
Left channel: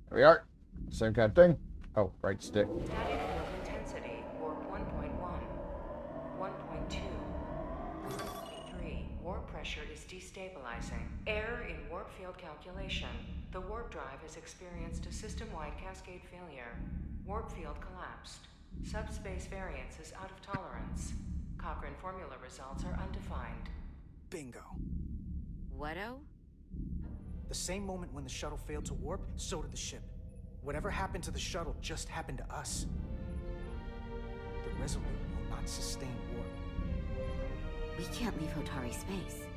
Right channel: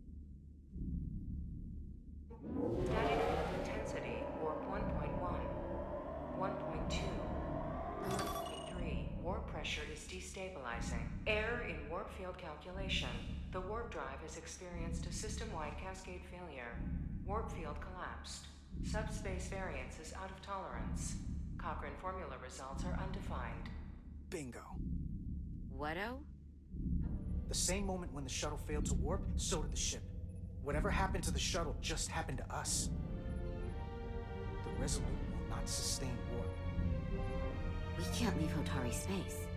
There we are. Same kind of thing. Oh, right stick. Static field intensity, warp 1.1. 1.2. 1.3. Warp pressure is destabilizing. Error in warp field calculation. The warp drive has experienced a system-wide cascade failure. Warp field collapsed. Subspace variance is out of tolerance. Cochrane formula results are undefined. Bingo. What-o? The same moment when the shuttle failed to warp, so did the ship. Whatever happened to the shuttle just happened to us. The Resolute will not sustain warp. We can't leave Hotari space.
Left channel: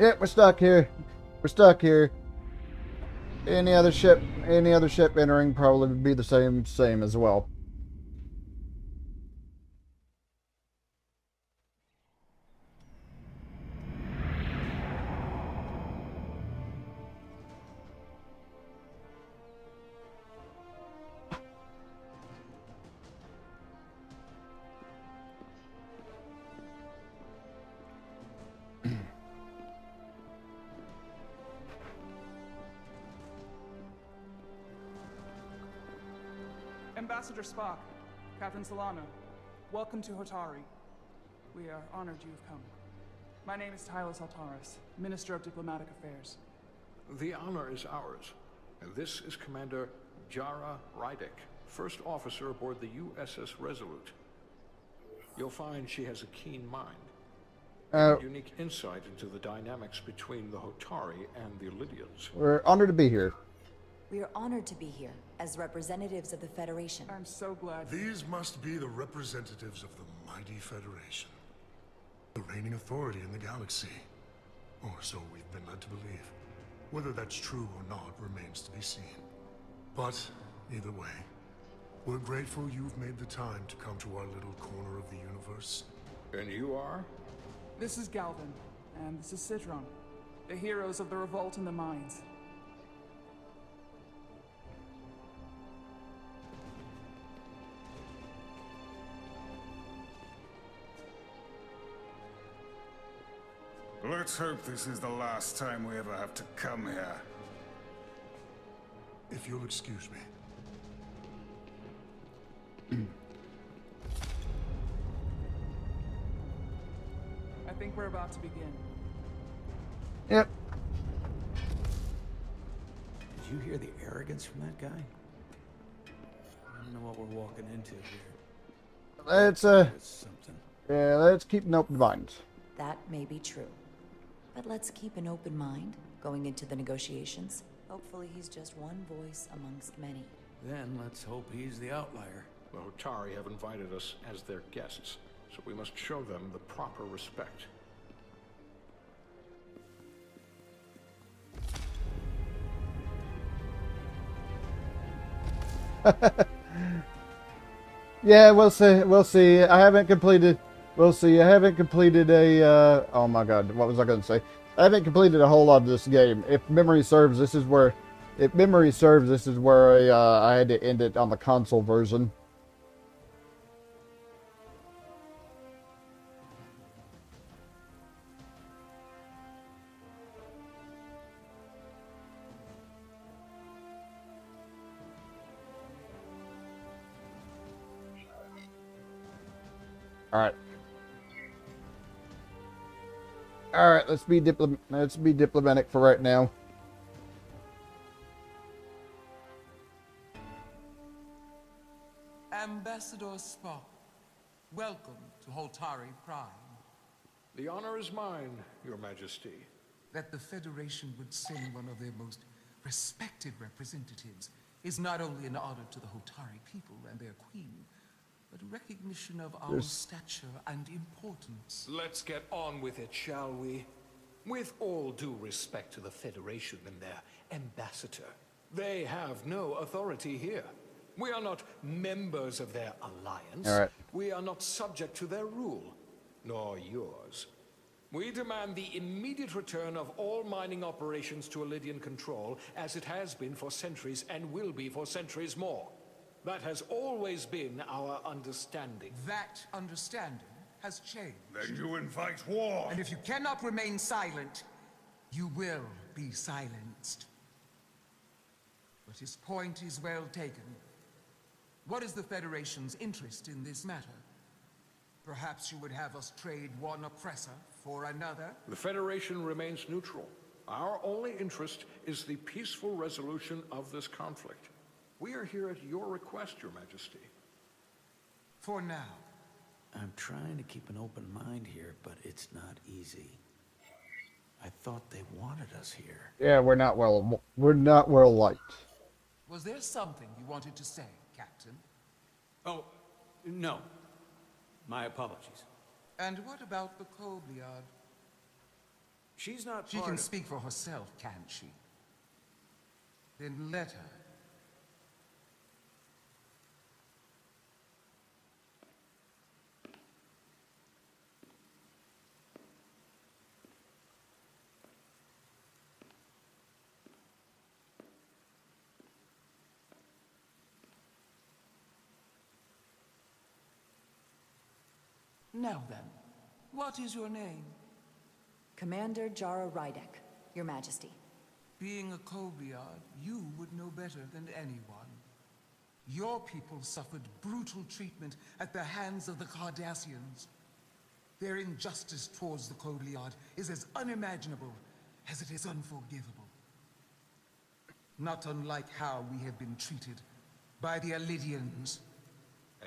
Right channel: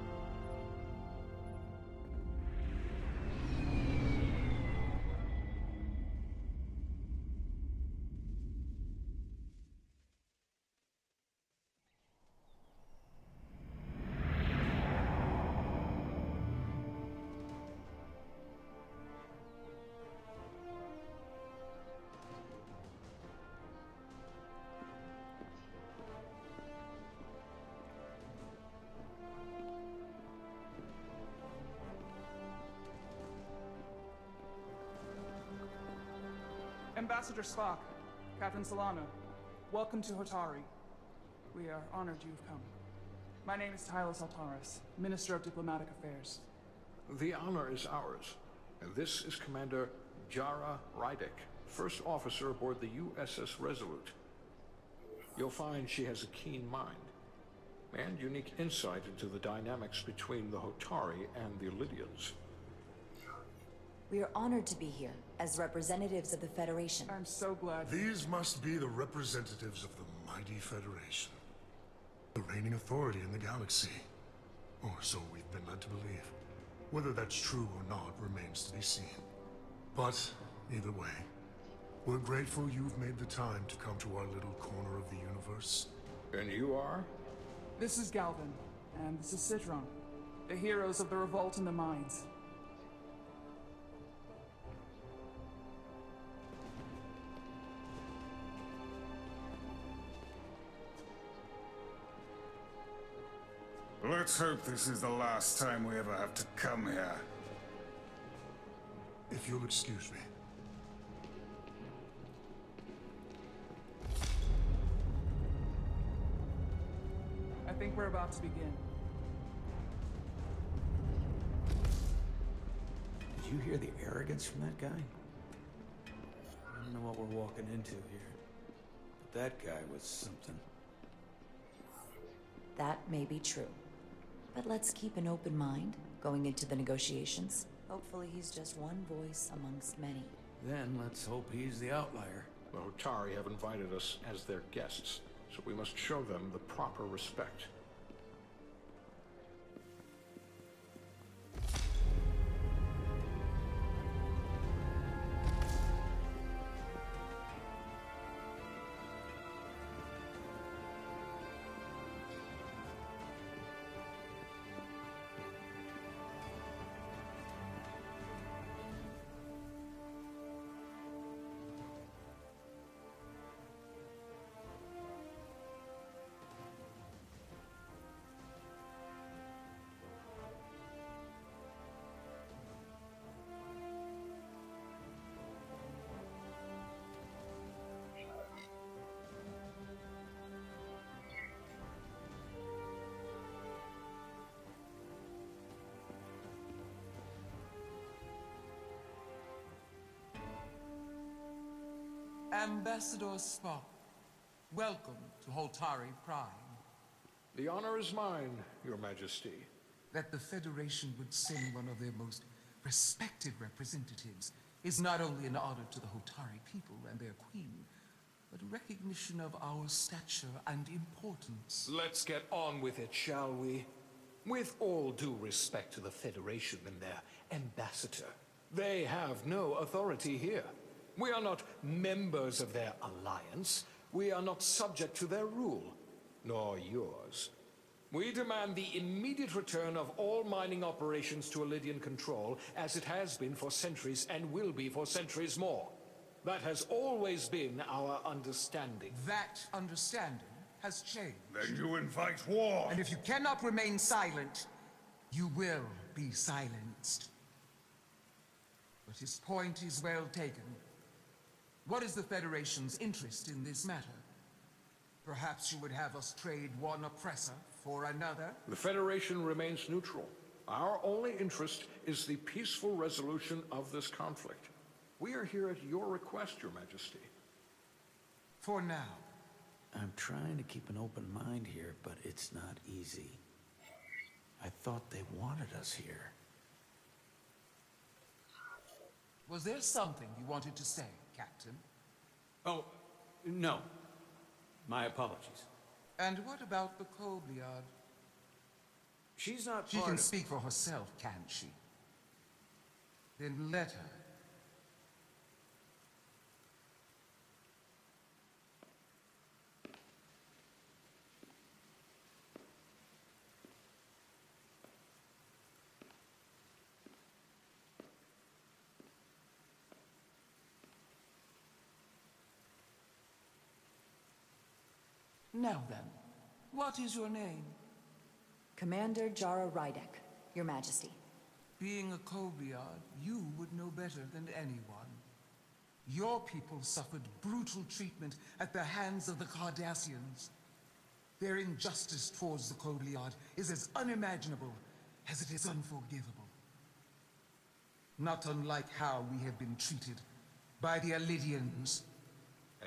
Yeah, we're stuck here. We're stuck here. Any other ship entering probably would be the same as well. Ambassador Spock, Captain Solana, welcome to Hotari. We are honored you've come. My name is Tylos Altaris, Minister of Diplomatic Affairs. The honor is ours, and this is Commander Jara Rydick, first officer aboard the USS Resolute. You'll find she has a keen mind, and unique insight into the dynamics between the Hotari and the Lydians. We're honored to be here. We are honored to be here as representatives of the Federation. I'm so glad. These must be the representatives of the mighty Federation, the reigning authority in the galaxy. Or so we've been led to believe. Whether that's true or not remains to be seen. But, either way, we're grateful you've made the time to come to our little corner of the universe. And you are? This is Galvin, and this is Citron, the heroes of the revolt in the mines. Let's hope this is the last time we ever have to come here. If you'll excuse me. I think we're about to begin. Yep. Did you hear the arrogance from that guy? I don't know what we're walking into here. Let's something. Yeah, let's keep an open mind. That may be true. But let's keep an open mind going into the negotiations. Hopefully he's just one voice amongst many. Then let's hope he's the outlier. The Hotari have invited us as their guests, so we must show them the proper respect. Yeah, we'll see. We'll see. I haven't completed. We'll see. I haven't completed a. Oh my God, what was I going to say? I haven't completed a whole lot of this game. If memory serves, this is where. If memory serves, this is where I had to end it on the console version. All right. All right. Let's be diplomatic for right now. Ambassador Spock, welcome to Holtari Prime. The honor is mine, Your Majesty. That the Federation would send one of their most respected representatives is not only an honor to the Holtari people and their queen, but a recognition of our stature and importance. Let's get on with it, shall we? With all due respect to the Federation and their ambassador, they have no authority here. We are not members of their alliance. All right. We are not subject to their rule, nor yours. We demand the immediate return of all mining operations to Elydian control, as it has been for centuries and will be for centuries more. That has always been our understanding. That understanding has changed. Then you invite war. And if you cannot remain silent, you will be silenced. But his point is well taken. What is the Federation's interest in this matter? Perhaps you would have us trade one oppressor for another? The Federation remains neutral. Our only interest is the peaceful resolution of this conflict. We are here at your request, Your Majesty. For now. I'm trying to keep an open mind here, but it's not easy. I thought they wanted us here. Yeah, we're not well liked. Was there something you wanted to say, Captain? Oh, no. My apologies. And what about the Kobliad? She's not She part can of... speak for herself, can't she? Then let her. Now then, what is your name? Commander Jara Rydek, Your Majesty. Being a Kobliad, you would know better than anyone. Your people suffered brutal treatment at the hands of the Cardassians. Their injustice towards the Kobliad is as unimaginable as it is unforgivable. Not unlike how we have been treated by the Elydians.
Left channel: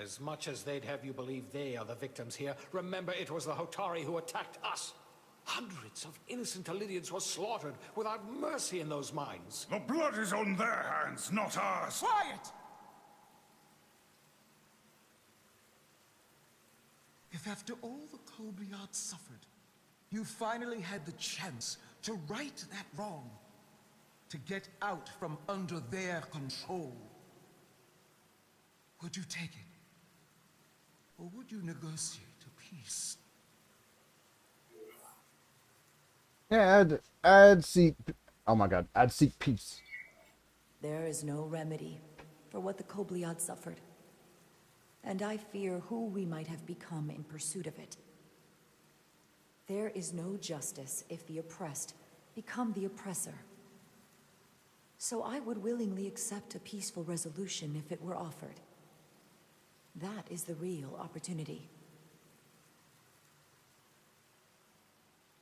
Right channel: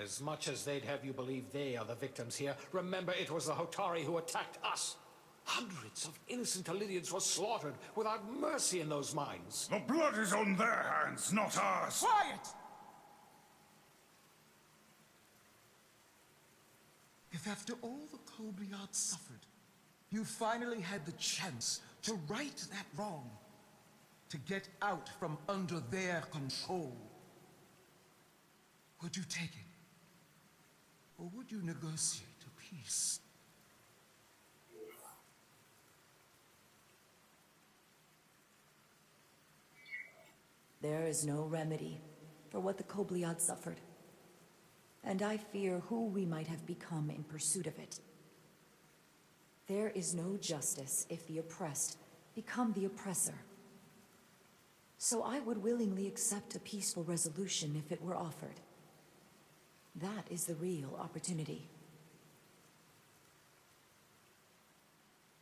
As much as they'd have you believe they are the victims here, remember it was the Hotari who attacked us. Hundreds of innocent Elydians were slaughtered without mercy in those mines. The blood is on their hands, not ours. Quiet! If after all the Kobliad suffered, you finally had the chance to right that wrong, to get out from under their control. Would you take it? Or would you negotiate a peace? Yeah, I'd seek. Oh my God, I'd seek peace. There is no remedy for what the Kobliad suffered, and I fear who we might have become in pursuit of it. There is no justice if the oppressed become the oppressor. So I would willingly accept a peaceful resolution if it were offered. That is the real opportunity.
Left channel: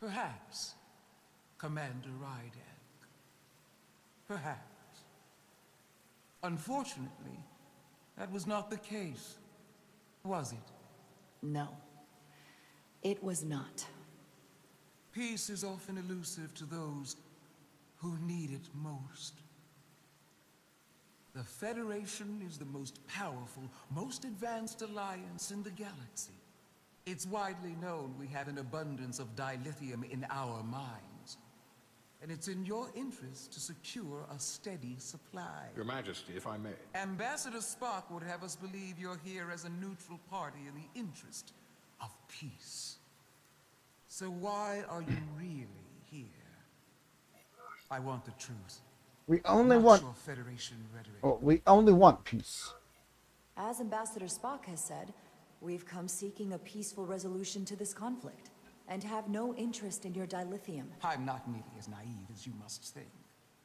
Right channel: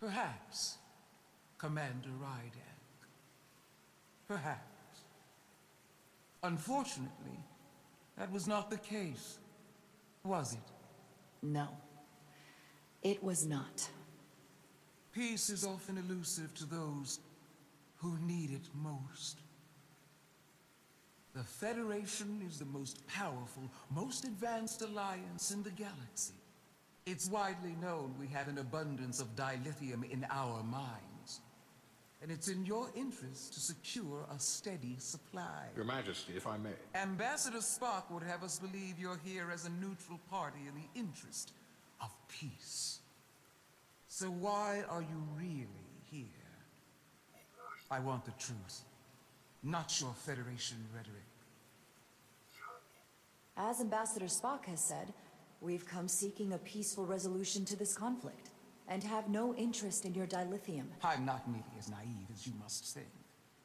Perhaps, Commander Rydak. Perhaps. Unfortunately, that was not the case, was it? No, it was not. Peace is often elusive to those who need it most. The Federation is the most powerful, most advanced alliance in the galaxy. It's widely known we have an abundance of dilithium in our mines. And it's in your interest to secure a steady supply. Your Majesty, if I may. Ambassador Spock would have us believe you're here as a neutral party in the interest of peace. So why are you really here? I want the truth. We only Not want your Federation rhetoric. Oh, we only want peace. As Ambassador Spock has said, we've come seeking a peaceful resolution to this conflict, and have no interest in your dilithium. I'm not nearly as naive as you must think.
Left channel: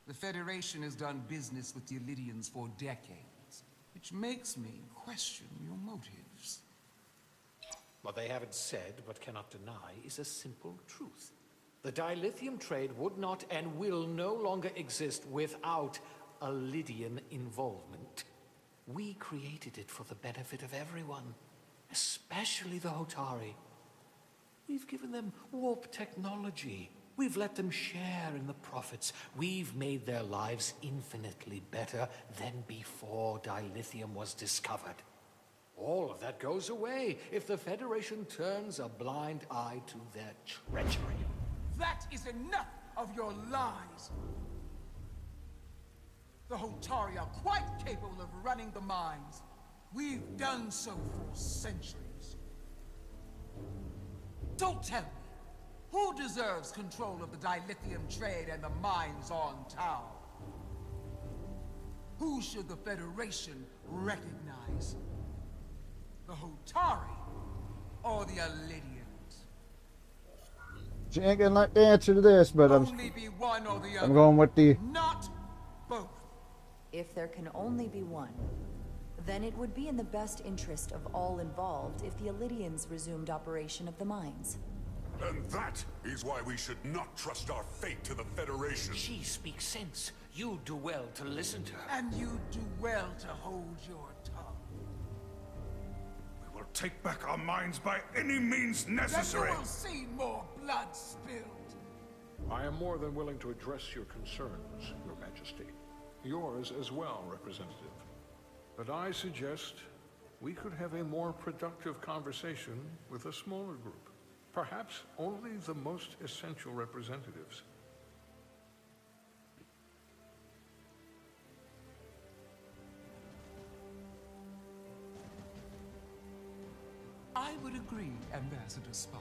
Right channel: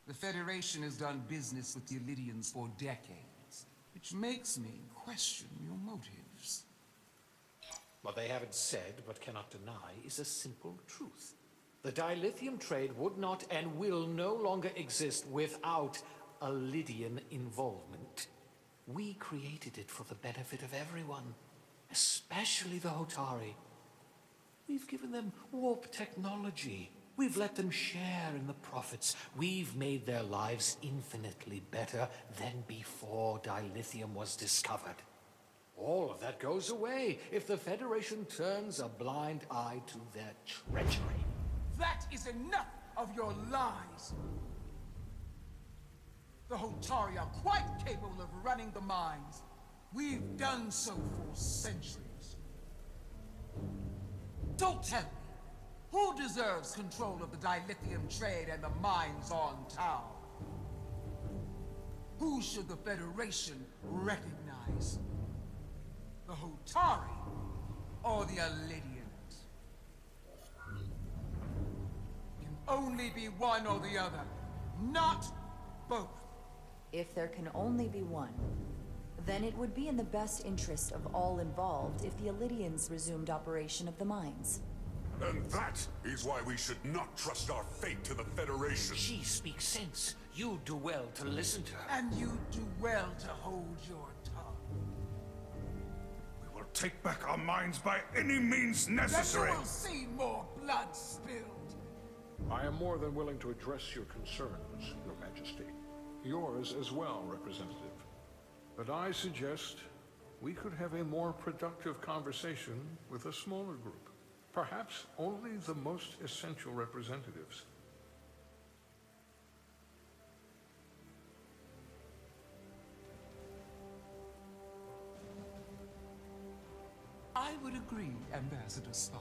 The Federation has done business with the Illidians for decades, which makes me question your motives. What they haven't said, but cannot deny, is a simple truth. The dilithium trade would not and will no longer exist without Illidian involvement. We created it for the benefit of everyone, especially the Hotari. We've given them warp technology. We've let them share in the profits. We've made their lives infinitely better than before dilithium was discovered. All of that goes away if the Federation turns a blind eye to their treachery. That is enough of your lies! The Hotari are quite capable of running the mines. We've done so for centuries. Don't tell me, who deserves control of the dilithium trade and the mines on Tau? Who should the Federation recognize? The Hotari or the Illidians? She ain't gonna like the answer to this, but Only be one or the other. I'm going with the... Not both. If there can only be one, then it would be in the best interest of all involved if the Illidians resumed operation of the mines. And that is why we should not trust our fate to the Federation. She speaks sense. You do well to listen to her. And you do well to hold your tongue. We will take back our minds by any means necessary. Then you will see more blood spilled. I am more than willing to address your concerns, Your Majesty. Yours as well, Representative. But I suggest we could have a more productive conversation with a smaller group. Perhaps only the most essential representatives. I would agree, Ambassador Spock.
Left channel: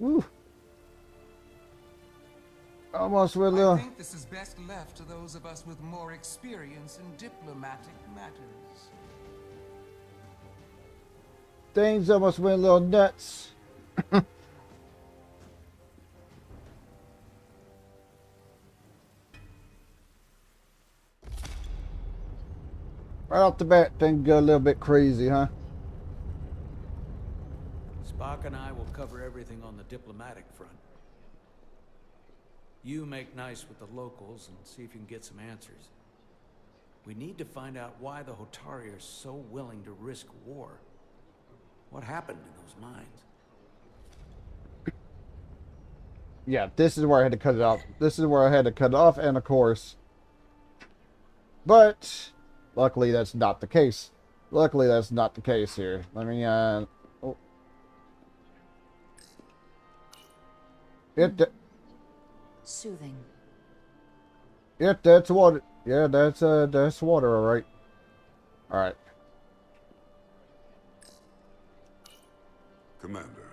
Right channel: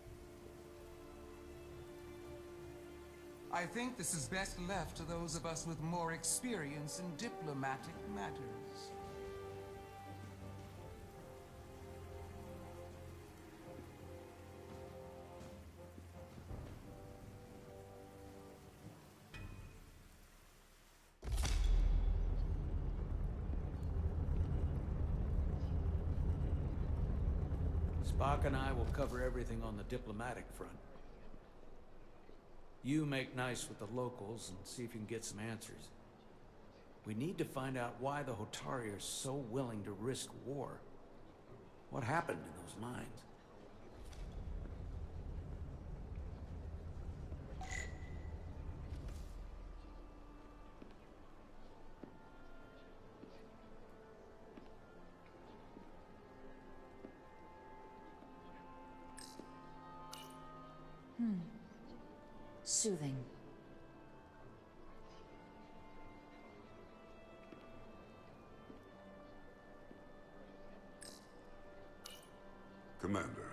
Woo. Almost with I think this is best left to those of us with more experience in diplomatic matters. Things almost went a little nuts. Right off the bat, things go a little bit crazy, huh? Spock and I will cover everything on the diplomatic front. You make nice with the locals and see if you can get some answers. We need to find out why the Hotari are so willing to risk war. What happened in those mines? Yeah, this is where I had to cut it off. This is where I had to cut it off, and of course. But Luckily, that's not the case. Luckily, that's not the case here. Let me, oh. Soothing. Yep, that's water. Yeah, that's water, alright. Alright. Commander,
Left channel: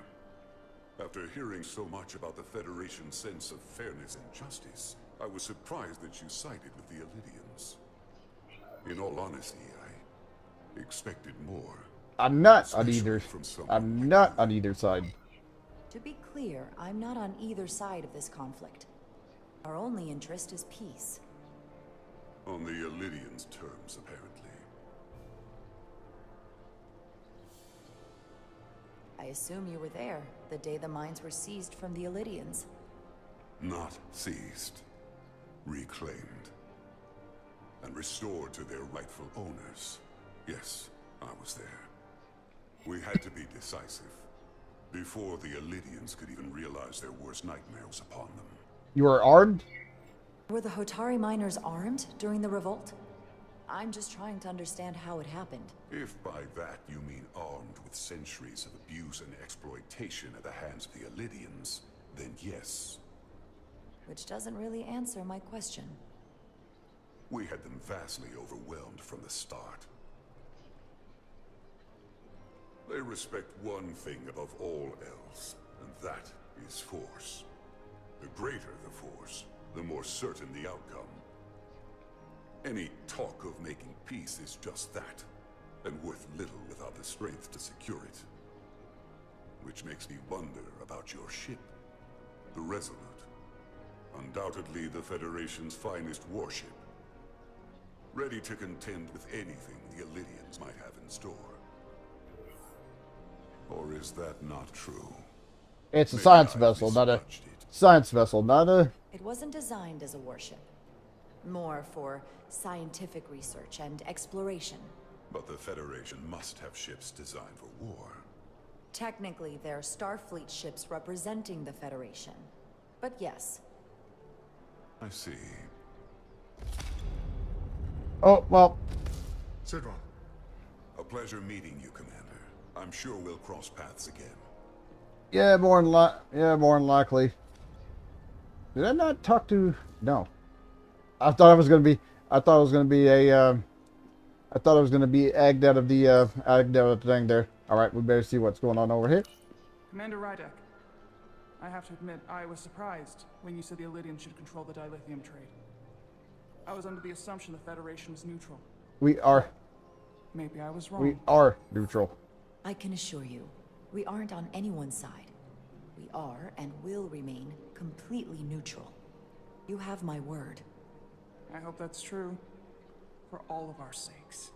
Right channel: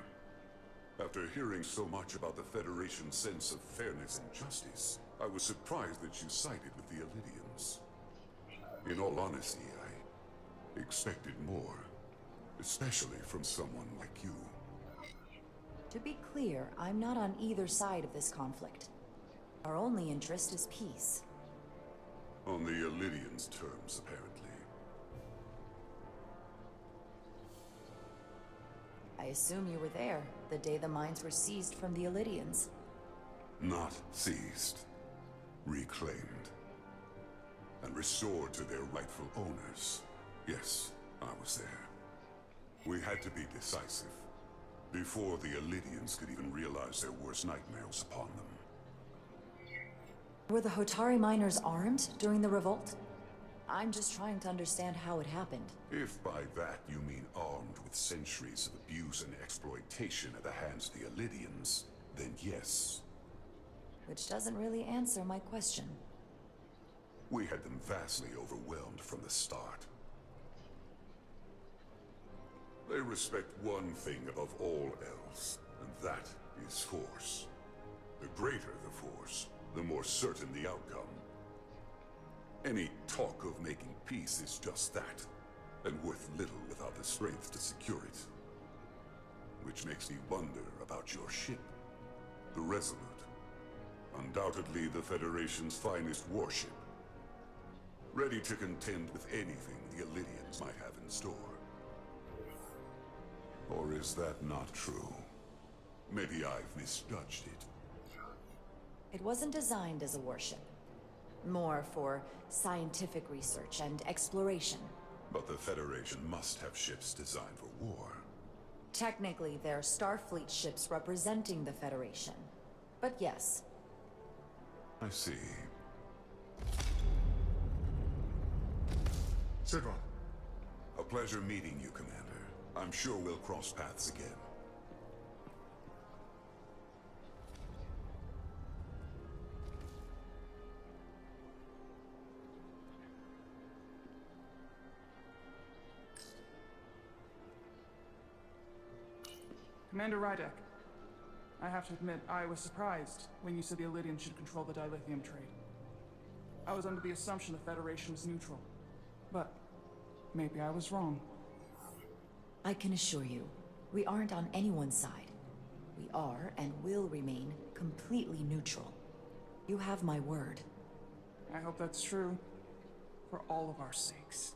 after hearing so much about the Federation's sense of fairness and justice, I was surprised that you sided with the Illidians. In all honesty, I expected more. I'm not on Especially either. from someone I'm like not you. on either side. To be clear, I'm not on either side of this conflict. Our only interest is peace. On the Illidians' terms, apparently. I assume you were there, the day the mines were seized from the Illidians. Not seized. Reclaimed. And restored to their rightful owners. Yes, I was there. We had to be decisive. Before the Illidians could even realize their worst nightmares upon them. You were armed? Were the Hotari miners armed during the revolt? I'm just trying to understand how it happened. If by that you mean armed with centuries of abuse and exploitation at the hands of the Illidians, then yes. Which doesn't really answer my question. We had them vastly overwhelmed from the start. They respect one thing above all else, and that is force. The greater the force, the more certain the outcome. Any talk of making peace is just that, and worth little without the strength to secure it. Which makes me wonder about your ship, the Resolute. Undoubtedly the Federation's finest warship. Ready to contend with anything the Illidians might have in store. Or is that not true? It's a Maybe science I've vessel, not a misjudged it. science vessel, not a. It wasn't designed as a warship. More for scientific research and exploration. But the Federation must have ships designed for war. Technically, they're Starfleet ships representing the Federation. But yes. I see. Oh, well. Sidron. A pleasure meeting you, Commander. I'm sure we'll cross paths again. Yeah, more than likely. Did I not talk to? No. I thought it was gonna be. I thought it was gonna be a. I thought it was gonna be egged out of the thing there. All right, we better see what's going on over here. Commander Rydek, I have to admit, I was surprised when you said the Illidians should control the dilithium trade. I was under the assumption the Federation was neutral. We are. Maybe I was wrong. We are neutral. I can assure you, we aren't on anyone's side. We are and will remain completely neutral. You have my word. I hope that's true. For all of our sakes.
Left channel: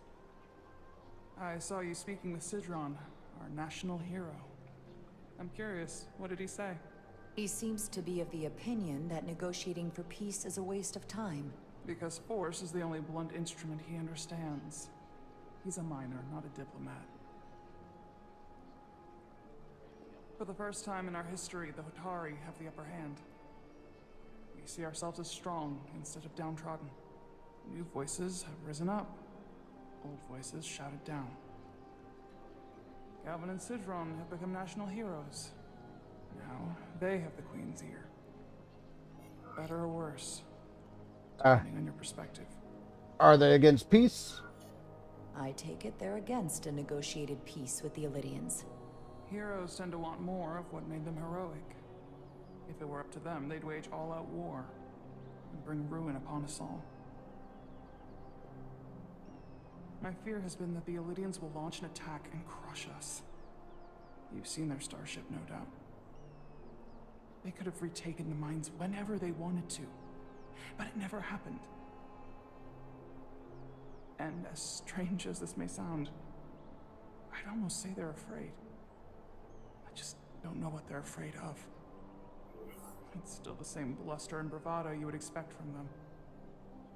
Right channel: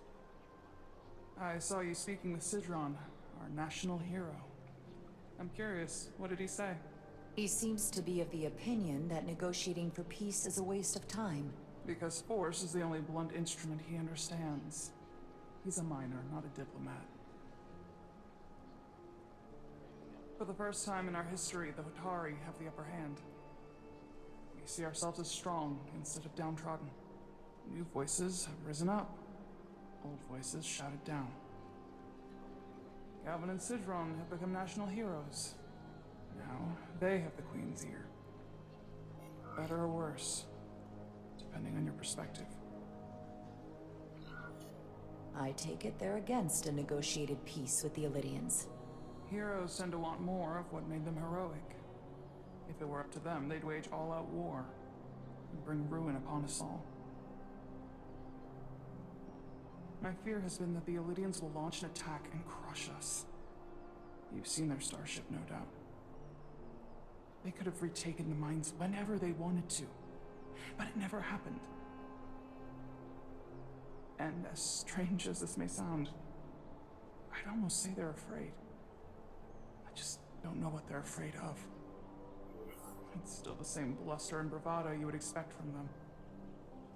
I saw you speaking with Sidron, our national hero. I'm curious, what did he say? He seems to be of the opinion that negotiating for peace is a waste of time. Because force is the only blunt instrument he understands. He's a miner, not a diplomat. For the first time in our history, the Hotari have the upper hand. We see ourselves as strong instead of downtrodden. New voices have risen up. Old voices shouted down. Galvin and Sidron have become national heroes. Now they have the Queen's ear. Better or worse, depending on your perspective. Are they against peace? I take it they're against a negotiated peace with the Illidians. Heroes tend to want more of what made them heroic. If it were up to them, they'd wage all-out war and bring ruin upon us all. My fear has been that the Illidians will launch an attack and crush us. You've seen their starship, no doubt. They could have retaken the mines whenever they wanted to, but it never happened. And as strange as this may sound, I'd almost say they're afraid. I just don't know what they're afraid of. It's still the same bluster and bravado you would expect from them.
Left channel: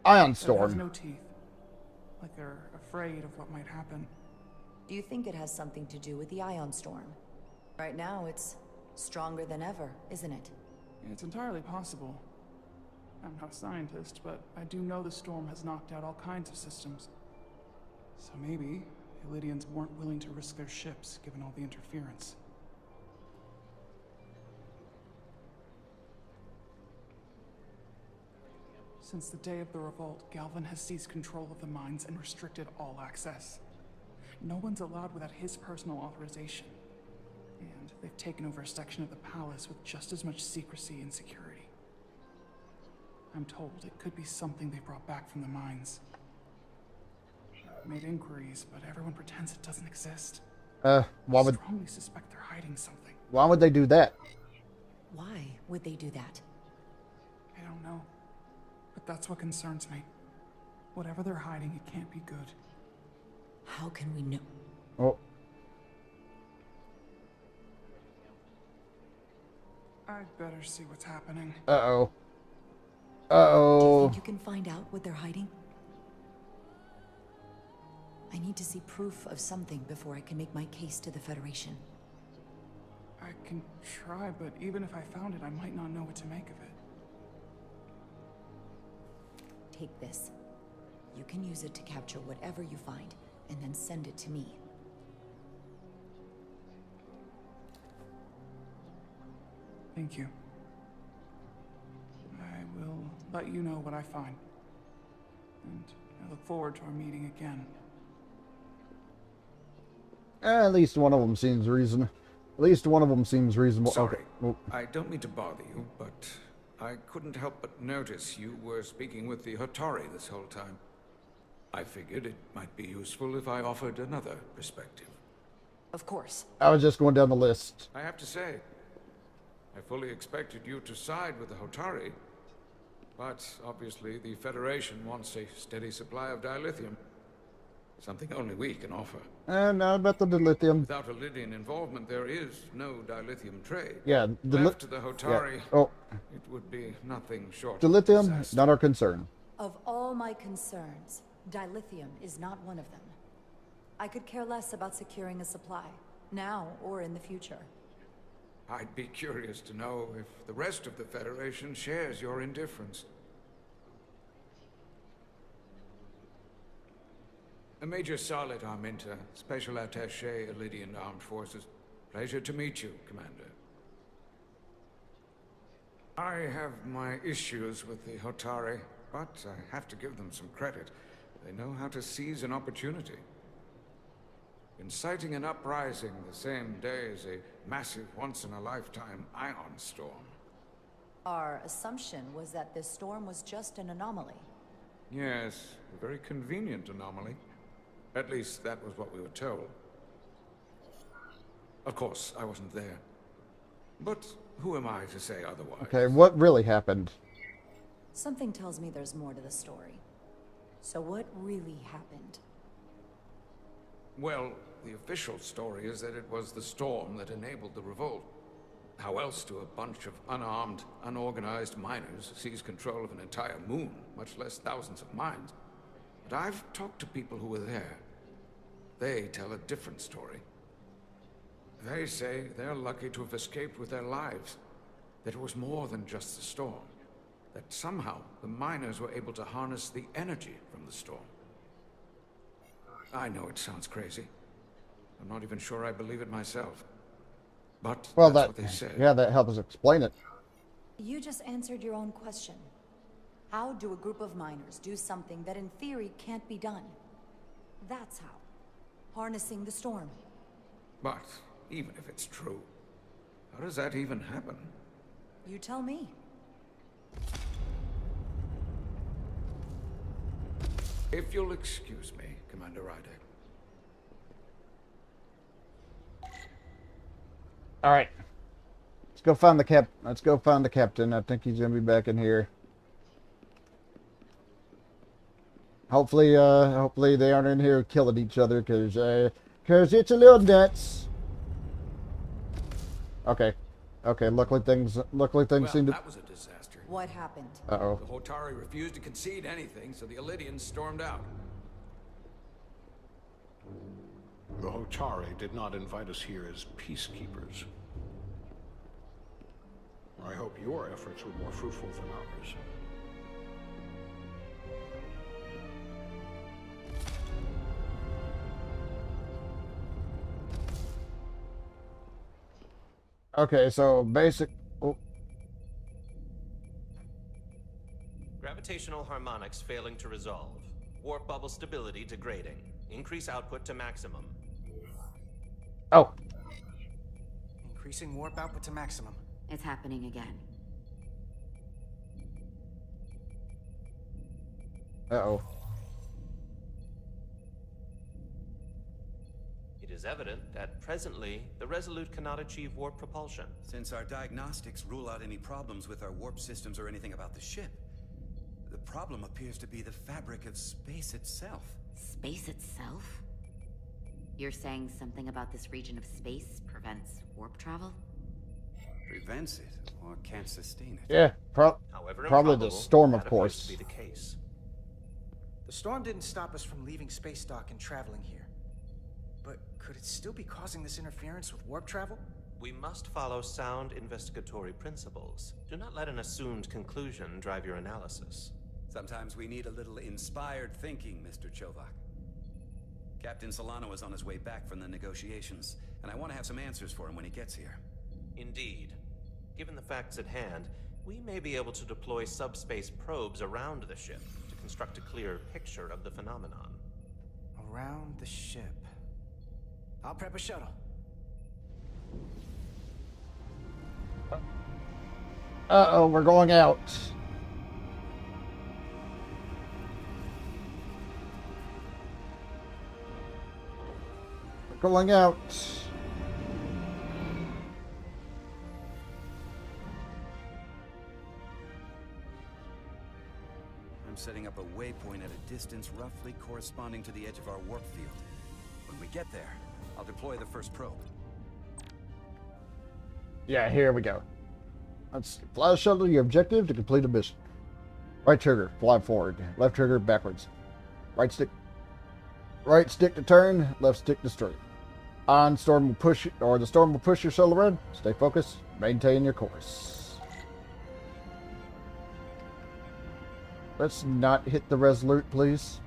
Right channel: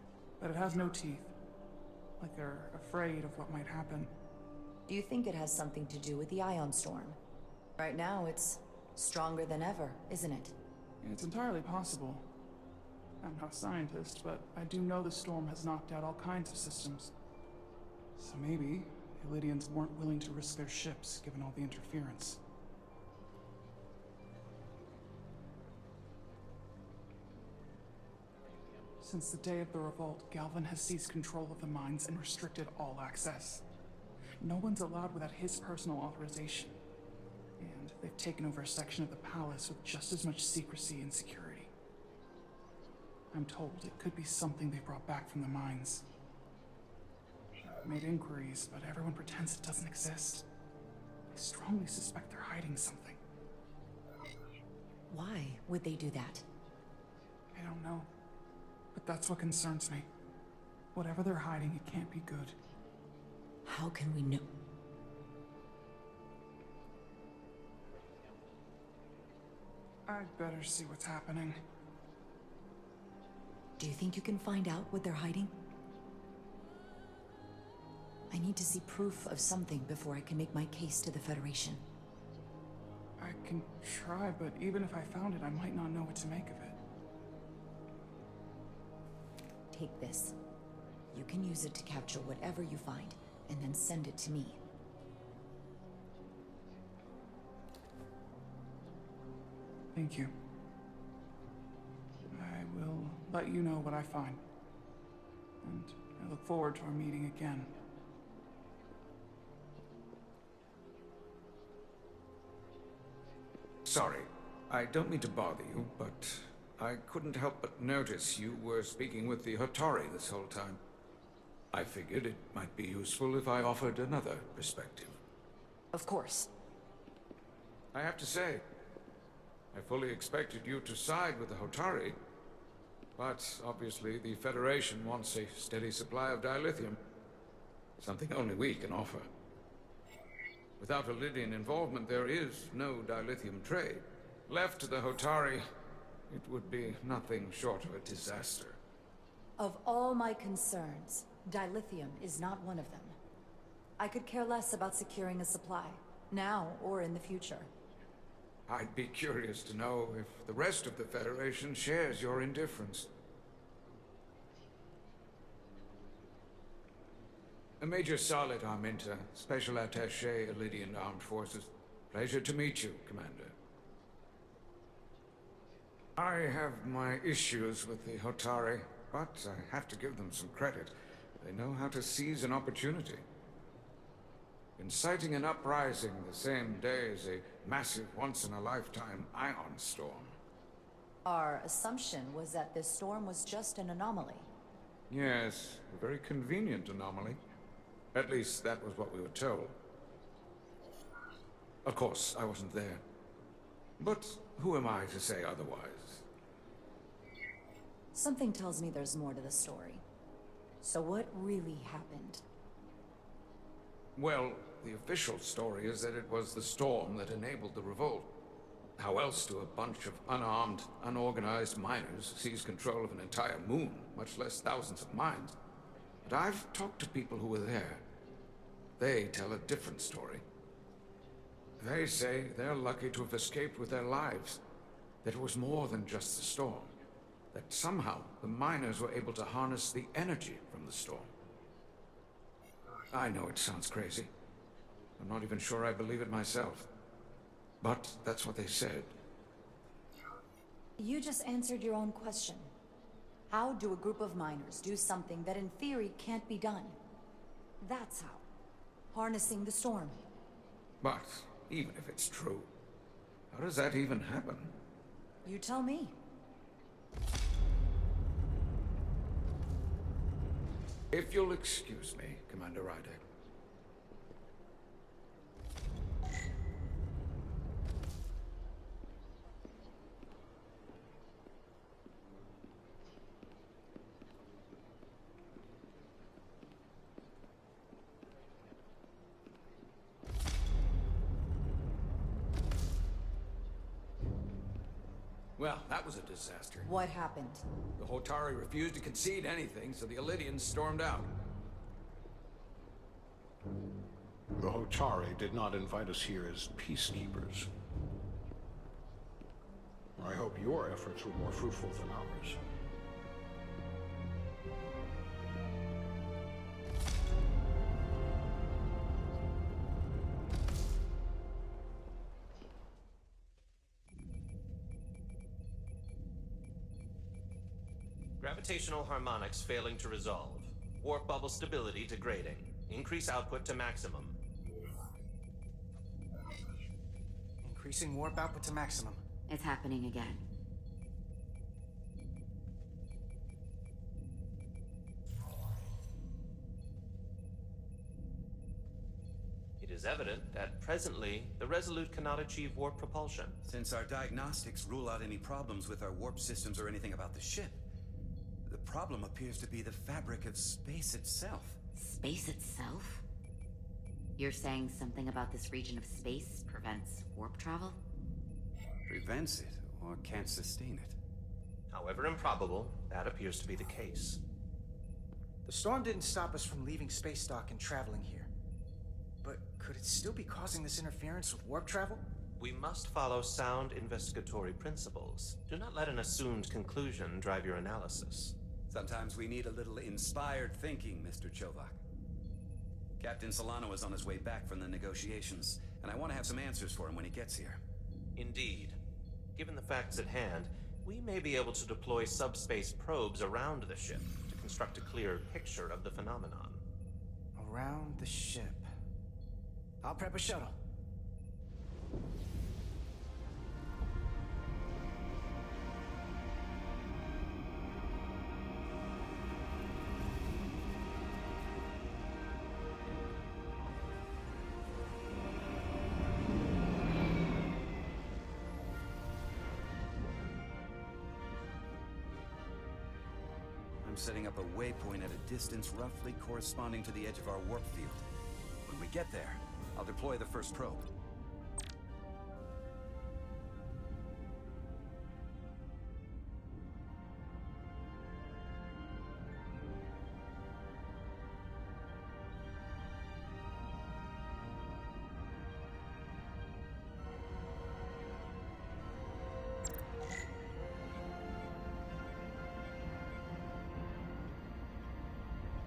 Ion It Storm. has no teeth. Like they're afraid of what might happen. Do you think it has something to do with the Ion Storm? Right now, it's stronger than ever, isn't it? It's entirely possible. I'm not a scientist, but I do know the storm has knocked out all kinds of systems. So maybe Illydians weren't willing to risk their ships given all the interference. Since the day of the revolt, Galvin has seized control of the mines and restricted all access. No one's allowed without his personal authorization. And they've taken over a section of the palace with just as much secrecy and security. I'm told it could be something they brought back from the mines. I've made inquiries, but everyone pretends it doesn't exist. Why would... I strongly suspect they're hiding something. Why would they do that? Why would they do that? I don't know. But that's what concerns me. Whatever they're hiding, it can't be good. How can we know? Oh. I'd better see what's happening. Uh-oh. Do you Uh-oh. think you can find out what they're hiding? I need to see proof of something before I can make my case to the Federation. I can try, but even if I found it, I might not know what to make of it. Take this. You can use it to capture whatever you find, and then send it to me. Thank you. I will let you know what I find. And I look forward to our meeting again. At least one of them seems reasonable. At least one of them seems reasonable. Sorry, Okay. I don't mean to bother you, but I couldn't help but notice you were speaking with the Hatari this whole time. I figured it might be useful if I offered another perspective. Of course. I was just going down the list. I have to say, I fully expected you to side with the Hatari, but obviously the Federation wants a steady supply of dilithium. Something only we can offer. And now about the dilithium. Without Illydian involvement, there is no dilithium trade. Yeah. Left to the Hatari, yeah. Oh. It would be nothing short of Dilithium, disaster. not our concern. Of all my concerns, dilithium is not one of them. I could care less about securing a supply, now or in the future. I'd be curious to know if the rest of the Federation shares your indifference. Major Solid Arminta, Special Attaché, Illydian Armed Forces. Pleasure to meet you, Commander. I have my issues with the Hatari, but I have to give them some credit. They know how to seize an opportunity. Inciting an uprising the same day as a massive once-in-a-lifetime ion storm. Our assumption was that this storm was just an anomaly. Yes, a very convenient anomaly. At least that was what we were told. Of course, I wasn't there. But who am I to say otherwise? Okay, what really happened? Something tells me there's more to the story. So what really happened? Well, the official story is that it was the storm that enabled the revolt. How else do a bunch of unarmed, unorganized miners seize control of an entire moon, much less thousands of mines? But I've talked to people who were there. They tell a different story. They say they're lucky to have escaped with their lives. That it was more than just the storm. That somehow the miners were able to harness the energy from the storm. I know it sounds crazy. I'm not even sure I believe it myself. But Well, that's what they said. Yeah, that helps us explain it. You just answered your own question. How do a group of miners do something that in theory can't be done? That's how. Harnessing the storm. But even if it's true, how does that even happen? You tell me. If you'll excuse me, Commander Ryder. All right. Let's go find the Let's go find the captain. I think he's gonna be back in here. Hopefully, hopefully they aren't in here killing each other, cause it's a little nuts. Okay, okay. Luckily things seem to. That was a disaster. What happened? Uh-oh. The Hatari refused to concede anything, so the Illydians stormed out. The Hatari did not invite us here as peacekeepers. I hope your efforts were more fruitful than ours. Okay, so basic. Oh, Gravitational harmonics failing to resolve. Warp bubble stability degrading. Increase output to maximum. oh. Increasing warp output to maximum. It's happening again. Uh-oh. It is evident that presently the Resolute cannot achieve warp propulsion. Since our diagnostics rule out any problems with our warp systems or anything about the ship, the problem appears to be the fabric of space itself. Space itself? You're saying something about this region of space prevents warp travel? Prevents it, or can't sustain it. Yeah, However probably improbable, the storm, that of course. appears to be the case. The storm didn't stop us from leaving space dock and traveling here. But could it still be causing this interference with warp travel? We must follow sound investigatory principles. Do not let an assumed conclusion drive your analysis. Sometimes we need a little inspired thinking, Mr. Chovak. Captain Solano is on his way back from the negotiations, and I want to have some answers for him when he gets here. Indeed. Given the facts at hand, we may be able to deploy subspace probes around the ship to construct a clear picture of the phenomenon. Around the ship. I'll prep a shuttle. Uh-oh, we're going out. Going out. I'm setting up a waypoint at a distance roughly corresponding to the edge of our warp field. When we get there, I'll deploy the first probe. Yeah, here we go. Let's fly a shuttle to your objective to complete a mission. Right trigger, fly forward. Left trigger, backwards. Right stick to turn, left stick to straight. On, storm will push, or the storm will push your shuttle around. Stay focused, maintain your course. Let's not hit the Resolute, please.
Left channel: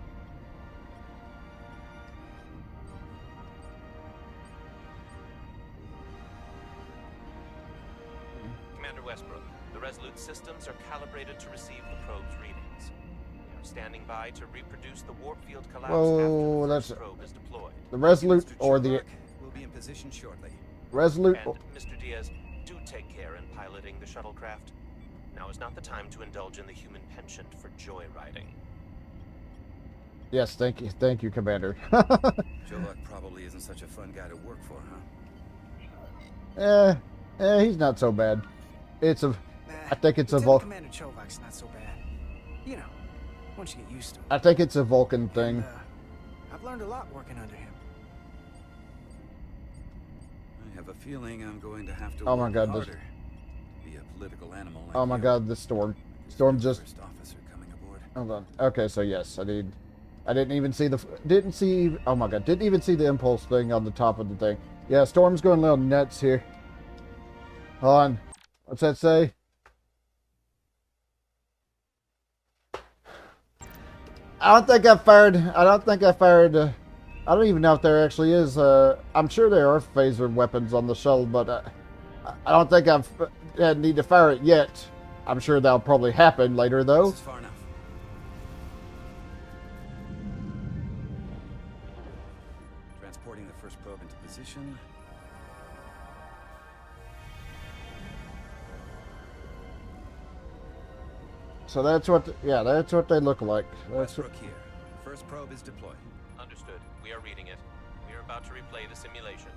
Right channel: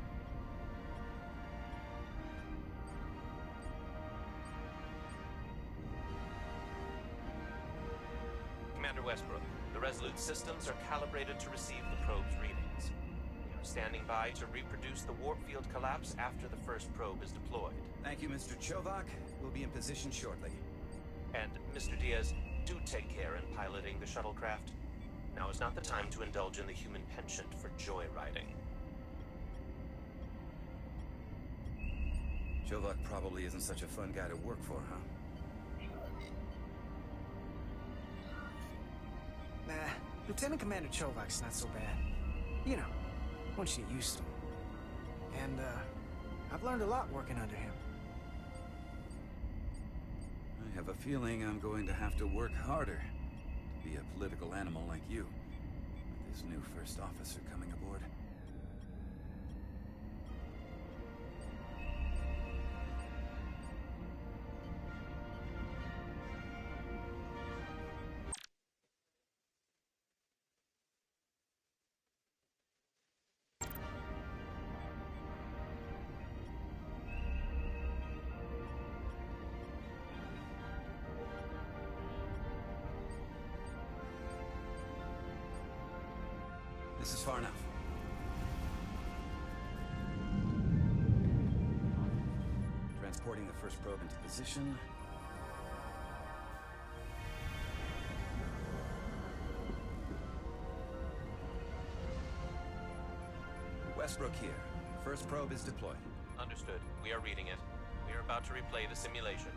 Commander Westbrook, the Resolute systems are calibrated to receive the probe's readings. We are standing by to reproduce the warp field collapse after the first probe is deployed. The Resolute or the... We'll be in position shortly. Resolute... And, Mr. Diaz, do take care in piloting the shuttlecraft. Now is not the time to indulge in the human penchant for joyriding. Yes, thank you, Commander. Jovak probably isn't such a fun guy to work for, huh? He's not so bad. It's a... I think it's a Lieutenant Vulcan... Commander Chovak's not so bad. You know, once you get used to him. I think it's a Vulcan thing. And, I've learned a lot working under him. I have a feeling I'm going to have to Oh my work God, harder to be a political animal like oh my you. God, the storm. Storm just... First officer coming aboard. Hold on. Okay, so yes, I didn't even see the... Oh my God, didn't even see the impulse thing on the top of the thing. Yeah, Storm's going a little nuts here. Hold on. What's that say? I don't think I fired... I don't even know if there actually is... I'm sure there are phaser weapons on the shuttle, but I don't think I've need to fire it yet. I'm sure that'll probably happen later, though. This is far enough. Transporting the first probe into position. So that's what, that's what they look like. Westbrook here. First probe is deployed. Understood. We are reading it. We are about to replay the simulation.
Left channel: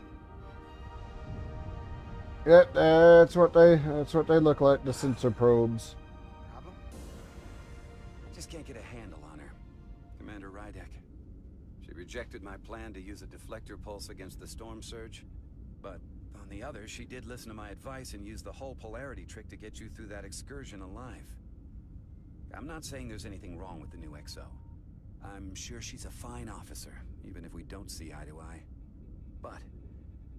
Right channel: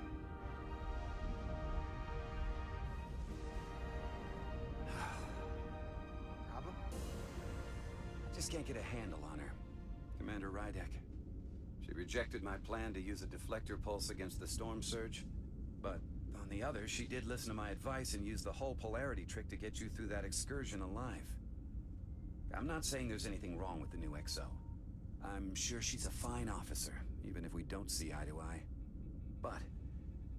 Yeah, that's what they look like, the sensor probes. Problem? I just can't get a handle on her. Commander Rydek. She rejected my plan to use a deflector pulse against the storm surge. But on the other, she did listen to my advice and use the whole polarity trick to get you through that excursion alive. I'm not saying there's anything wrong with the new XO. I'm sure she's a fine officer, even if we don't see eye to eye. But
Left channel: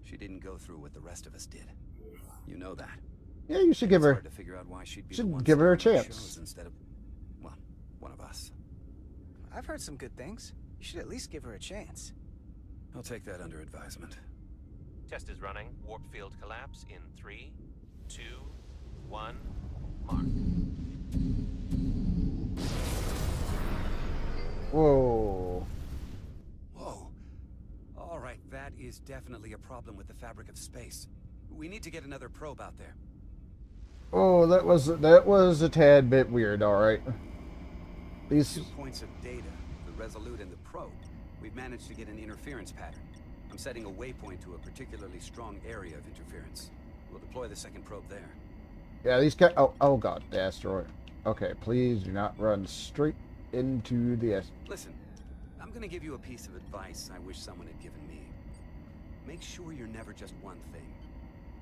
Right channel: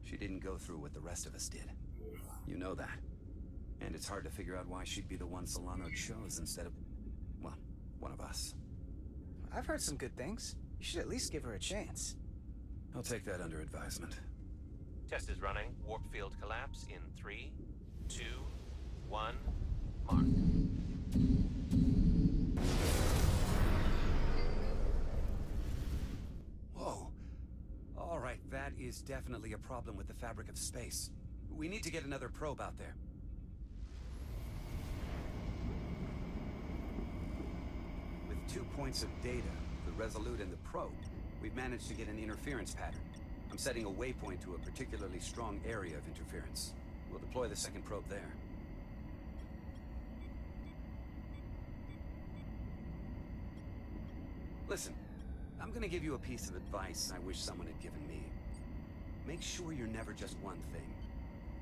she didn't go through what the rest of us did. You know that. Yeah, you should give her. It's hard to figure out why she'd be the one give her a starring on chance shows instead of, well, one of us. I've heard some good things. You should at least give her a chance. I'll take that under advisement. Test is running. Warp field collapse in 3, 2, 1, mark. Whoa. Whoa. All right, that is definitely a problem with the fabric of space. We need to get another probe out there. Oh, that was a tad bit weird, alright. These 2 points of data, the Resolute and the probe. We've managed to get an interference pattern. I'm setting a waypoint to a particularly strong area of interference. We'll deploy the second probe there. Yeah, these guys. Oh god, the asteroid. Okay, please do not run straight into the asteroid. Listen, I'm gonna give you a piece of advice I wish someone had given me. Make sure you're never just one thing.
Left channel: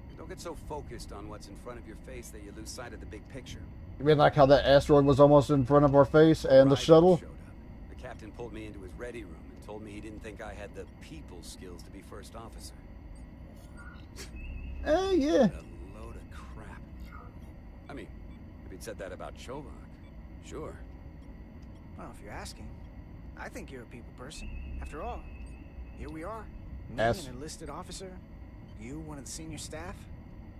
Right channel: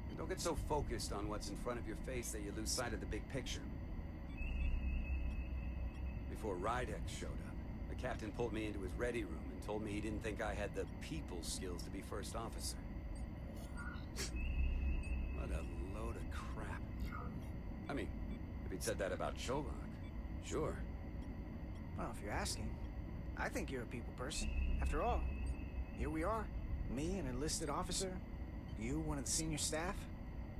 And don't get so focused on what's in front of your face that you lose sight of the big picture. You mean like how that asteroid was almost in front of our face and the shuttle? Showed up. The captain pulled me into his ready room and told me he didn't think I had the people skills to be first officer. Yeah. What a load of crap. I mean, if he'd said that about Chobak, sure. Well, if you're asking, I think you're a people person. After all, here we are. Me, an enlisted officer. You, one of the senior staff.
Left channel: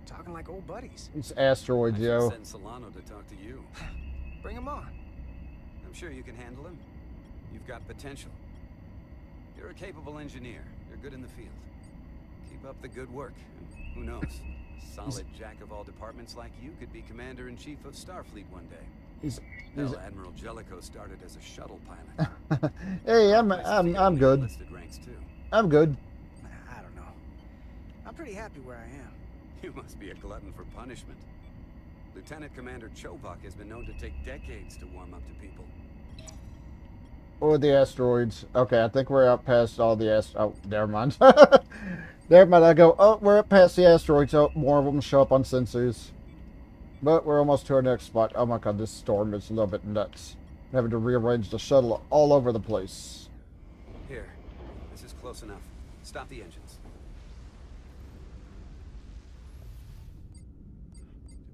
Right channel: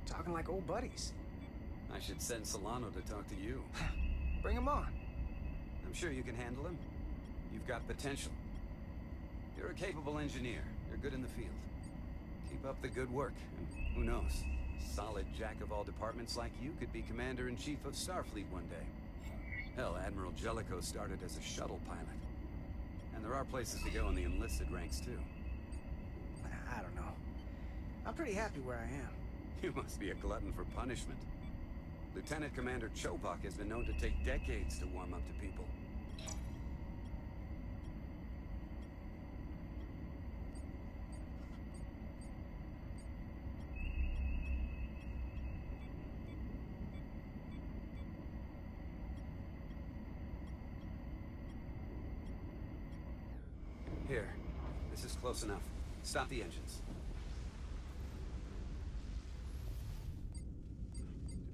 Talking like old buddies. It's asteroid, I Joe. should send Solano to talk to you. Bring him on. I'm sure you can handle him. You've got potential. You're a capable engineer. You're good in the field. Keep up the good work, and who knows? A solid jack of all departments like you could be Commander-in-Chief of Starfleet one day. Hell, Admiral Jellicoe started as a shuttle pilot. Hey, I'm good. Enlisted ranks too. I'm good. I don't know. I'm pretty happy where I am. You must be a glutton for punishment. Lieutenant Commander Chobak has been known to take decades to warm up to people. Or the asteroids. Okay, I think we're up past all the oh, never mind. Never mind, I go, oh, we're up past the asteroids. Oh, more of them show up on sensors. But we're almost to our next spot. Oh my god, this storm is a little bit nuts. I'm having to rearrange the shuttle all over the place. Here, this is close enough. Stop the engines.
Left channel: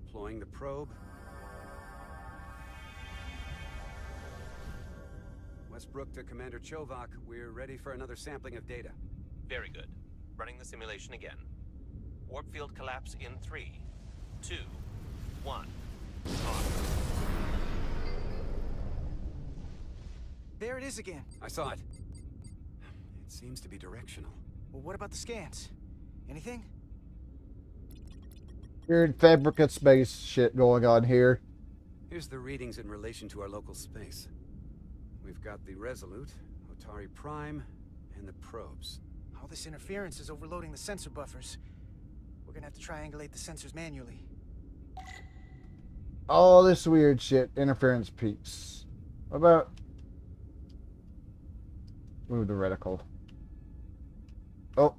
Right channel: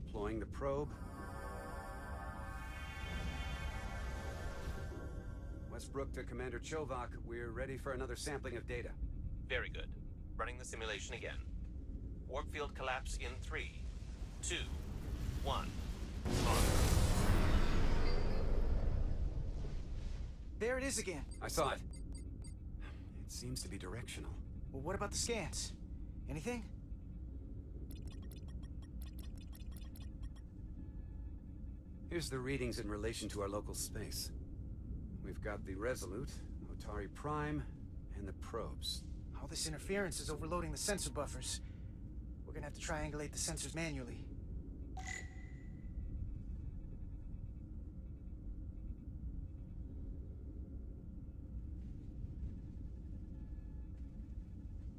Deploying the probe. Westbrook to Commander Chobak. We're ready for another sampling of data. Very good. Running the simulation again. Warp field collapse in 3, 2, 1. On. There it is again. I saw it. It seems to be directional. Well, what about the scans? Anything? Weird fabric of space shit going on here. Here's the readings in relation to our local space. We've got the Resolute, Otari Prime, and the probes. All this interference is overloading the sensor buffers. We're gonna have to triangulate the sensors manually. All this weird shit. Interference peaks. What about... move the reticle. Oh.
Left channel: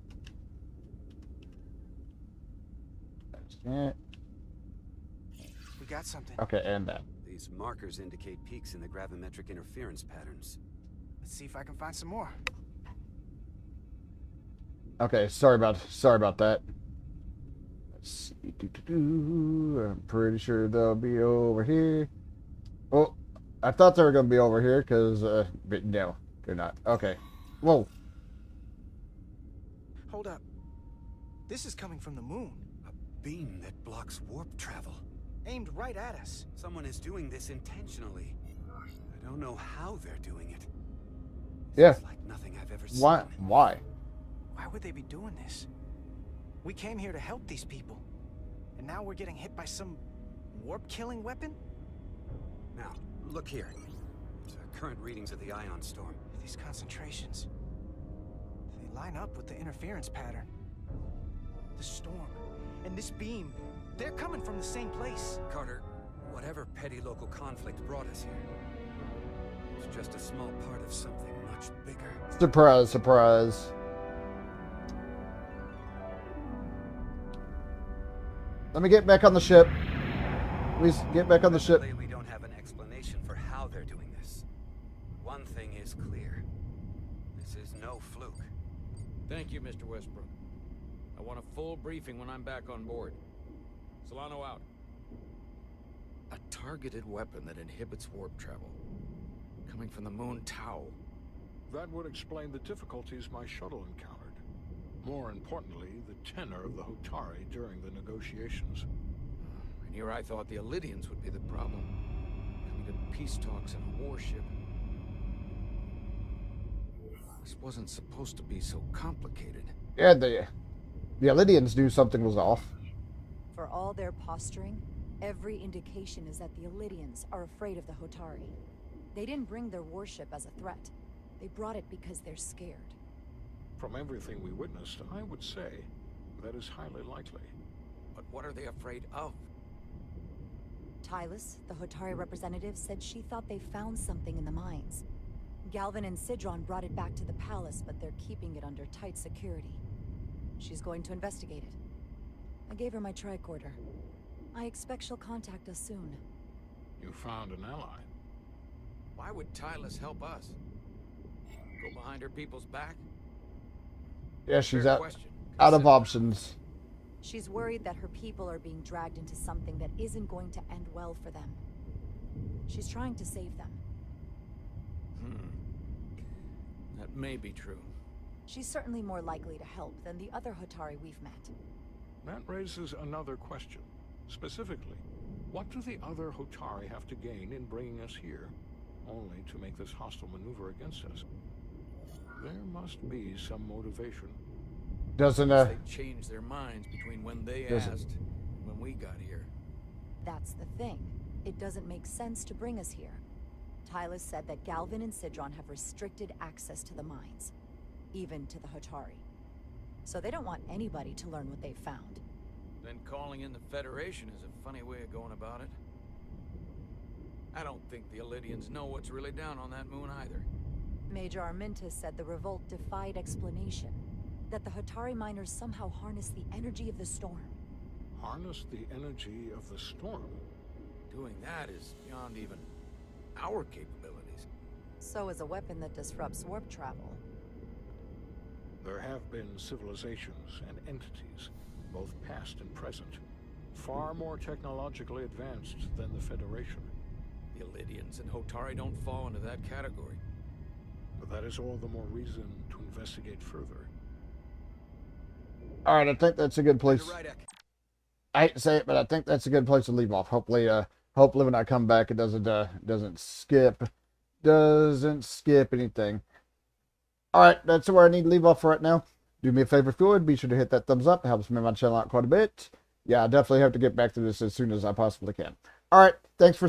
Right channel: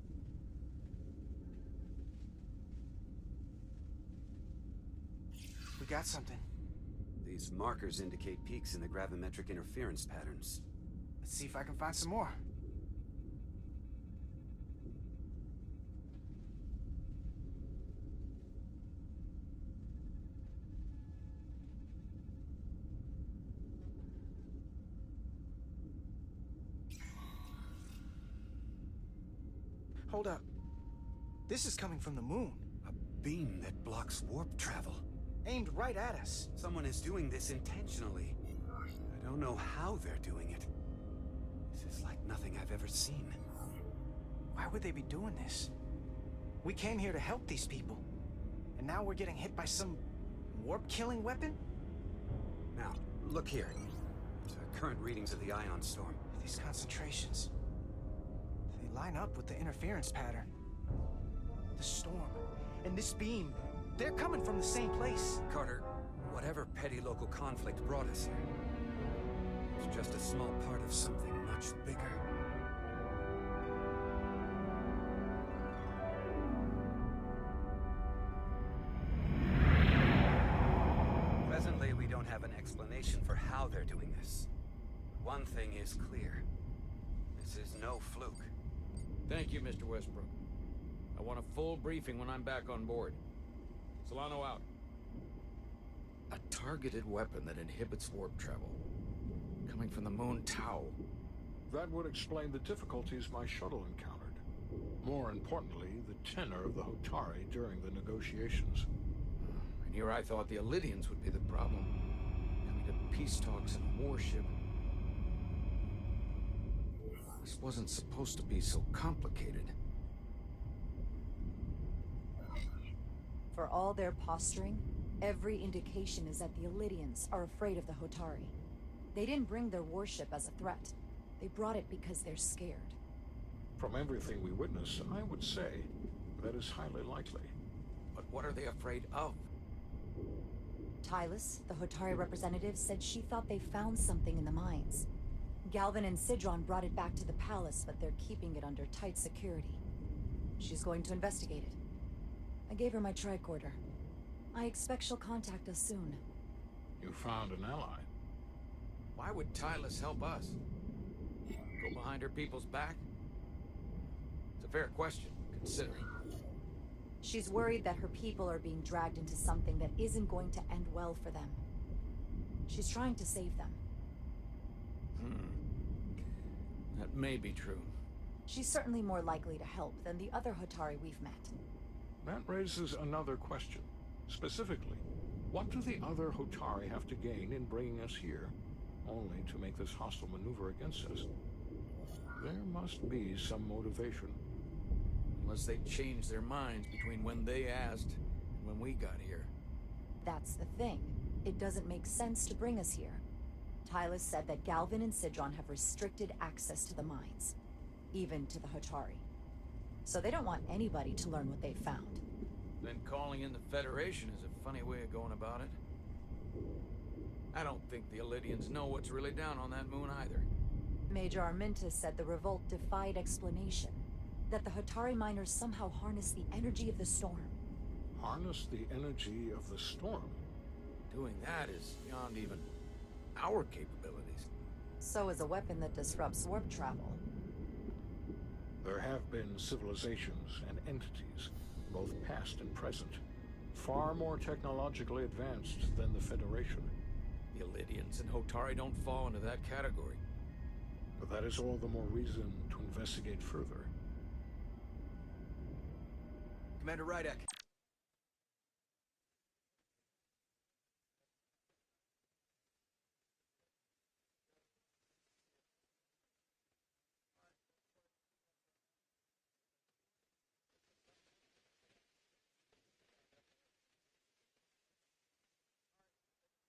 That's it. We got something. Okay, and that. These markers indicate peaks in the gravimetric interference patterns. Let's see if I can find some more. Okay, sorry about that. Let's see. I'm pretty sure they'll be over here. Oh, I thought they were gonna be over here because, but no, they're not. Okay. Whoa. Hold up. This is coming from the moon. A beam that blocks warp travel. Aimed right at us. Someone is doing this intentionally. I don't know how they're doing it. Yeah. It's like nothing I've ever seen. Why? Why? Why would they be doing this? We came here to help these people. And now we're getting hit by some warp-killing weapon? Now, look here. Current readings of the ion storm. These concentrations. They line up with the interference pattern. The storm and this beam, they're coming from the same place. Carter, whatever petty local conflict brought us here, it's just a small part of something much bigger. Surprise, surprise. Let me get back on the ship. Please get back on the ship. We don't have an explanation for how they're doing this. One thing is clear. This is no fluke. Thank you, Mr. Westbrook. I want a full briefing when I'm back on board. Solano out. A targeted weapon that inhibits warp travel. Coming from the moon Tau. That would explain the difficulties my shuttle encountered. More importantly, the tenor of the Hotari during the negotiations. And here I thought the Illidians would be the problem. Coming to peace talks in a warship. This wasn't supposed to be so complicated. Yeah, the Illidians knew something was off. For all their posturing, every indication is that the Illidians are afraid of the Hotari. They didn't bring their warship as a threat. They brought it because they're scared. From everything we witnessed, I would say that is highly likely. But what are they afraid of? Tylus, the Hotari representative, said she thought they found something in the mines. Galvin and Sidron brought it back to the palace, but they're keeping it under tight security. She's going to investigate it. I gave her my tricorder. I expect she'll contact us soon. You found an ally. Why would Tylus help us? Go behind her people's back? Yeah, she's Fair out, question, out of considering- options. She's worried that her people are being dragged into something that isn't going to end well for them. She's trying to save them. That may be true. She's certainly more likely to help than the other Hotari we've met. That raises another question. Specifically, what do the other Hotari have to gain in bringing us here, only to make this hostile maneuver against us? There must be some motivation. Doesn't Unless they changed their minds between when they asked and when we got here. That's the thing. It doesn't make sense to bring us here. Tylus said that Galvin and Sidron have restricted access to the mines, even to the Hotari. So they don't want anybody to learn what they've found. Then calling in the Federation is a funny way of going about it. I don't think the Illidians know what's really down on that moon either. Major Armintas said the revolt defied explanation. That the Hotari miners somehow harnessed the energy of the storm. Harness the energy of the storm? Doing that is beyond even our capabilities. So is a weapon that disrupts warp travel. There have been civilizations and entities, both past and present, far more technologically advanced than the Federation. The Illidians and Hotari don't fall into that category. But that is all the more reason to investigate further. All right, I think that's a good place. Right, I hate to say it, but I think that's a good place to leave off. Hopefully, hopefully when I come back, it doesn't skip anything. All right, that's where I need to leave off for right now. Do me a favor if you would, be sure to hit that thumbs up. It helps me my channel out quite a bit. Yeah, I definitely have to get back to this as soon as I possibly can. All right, thanks for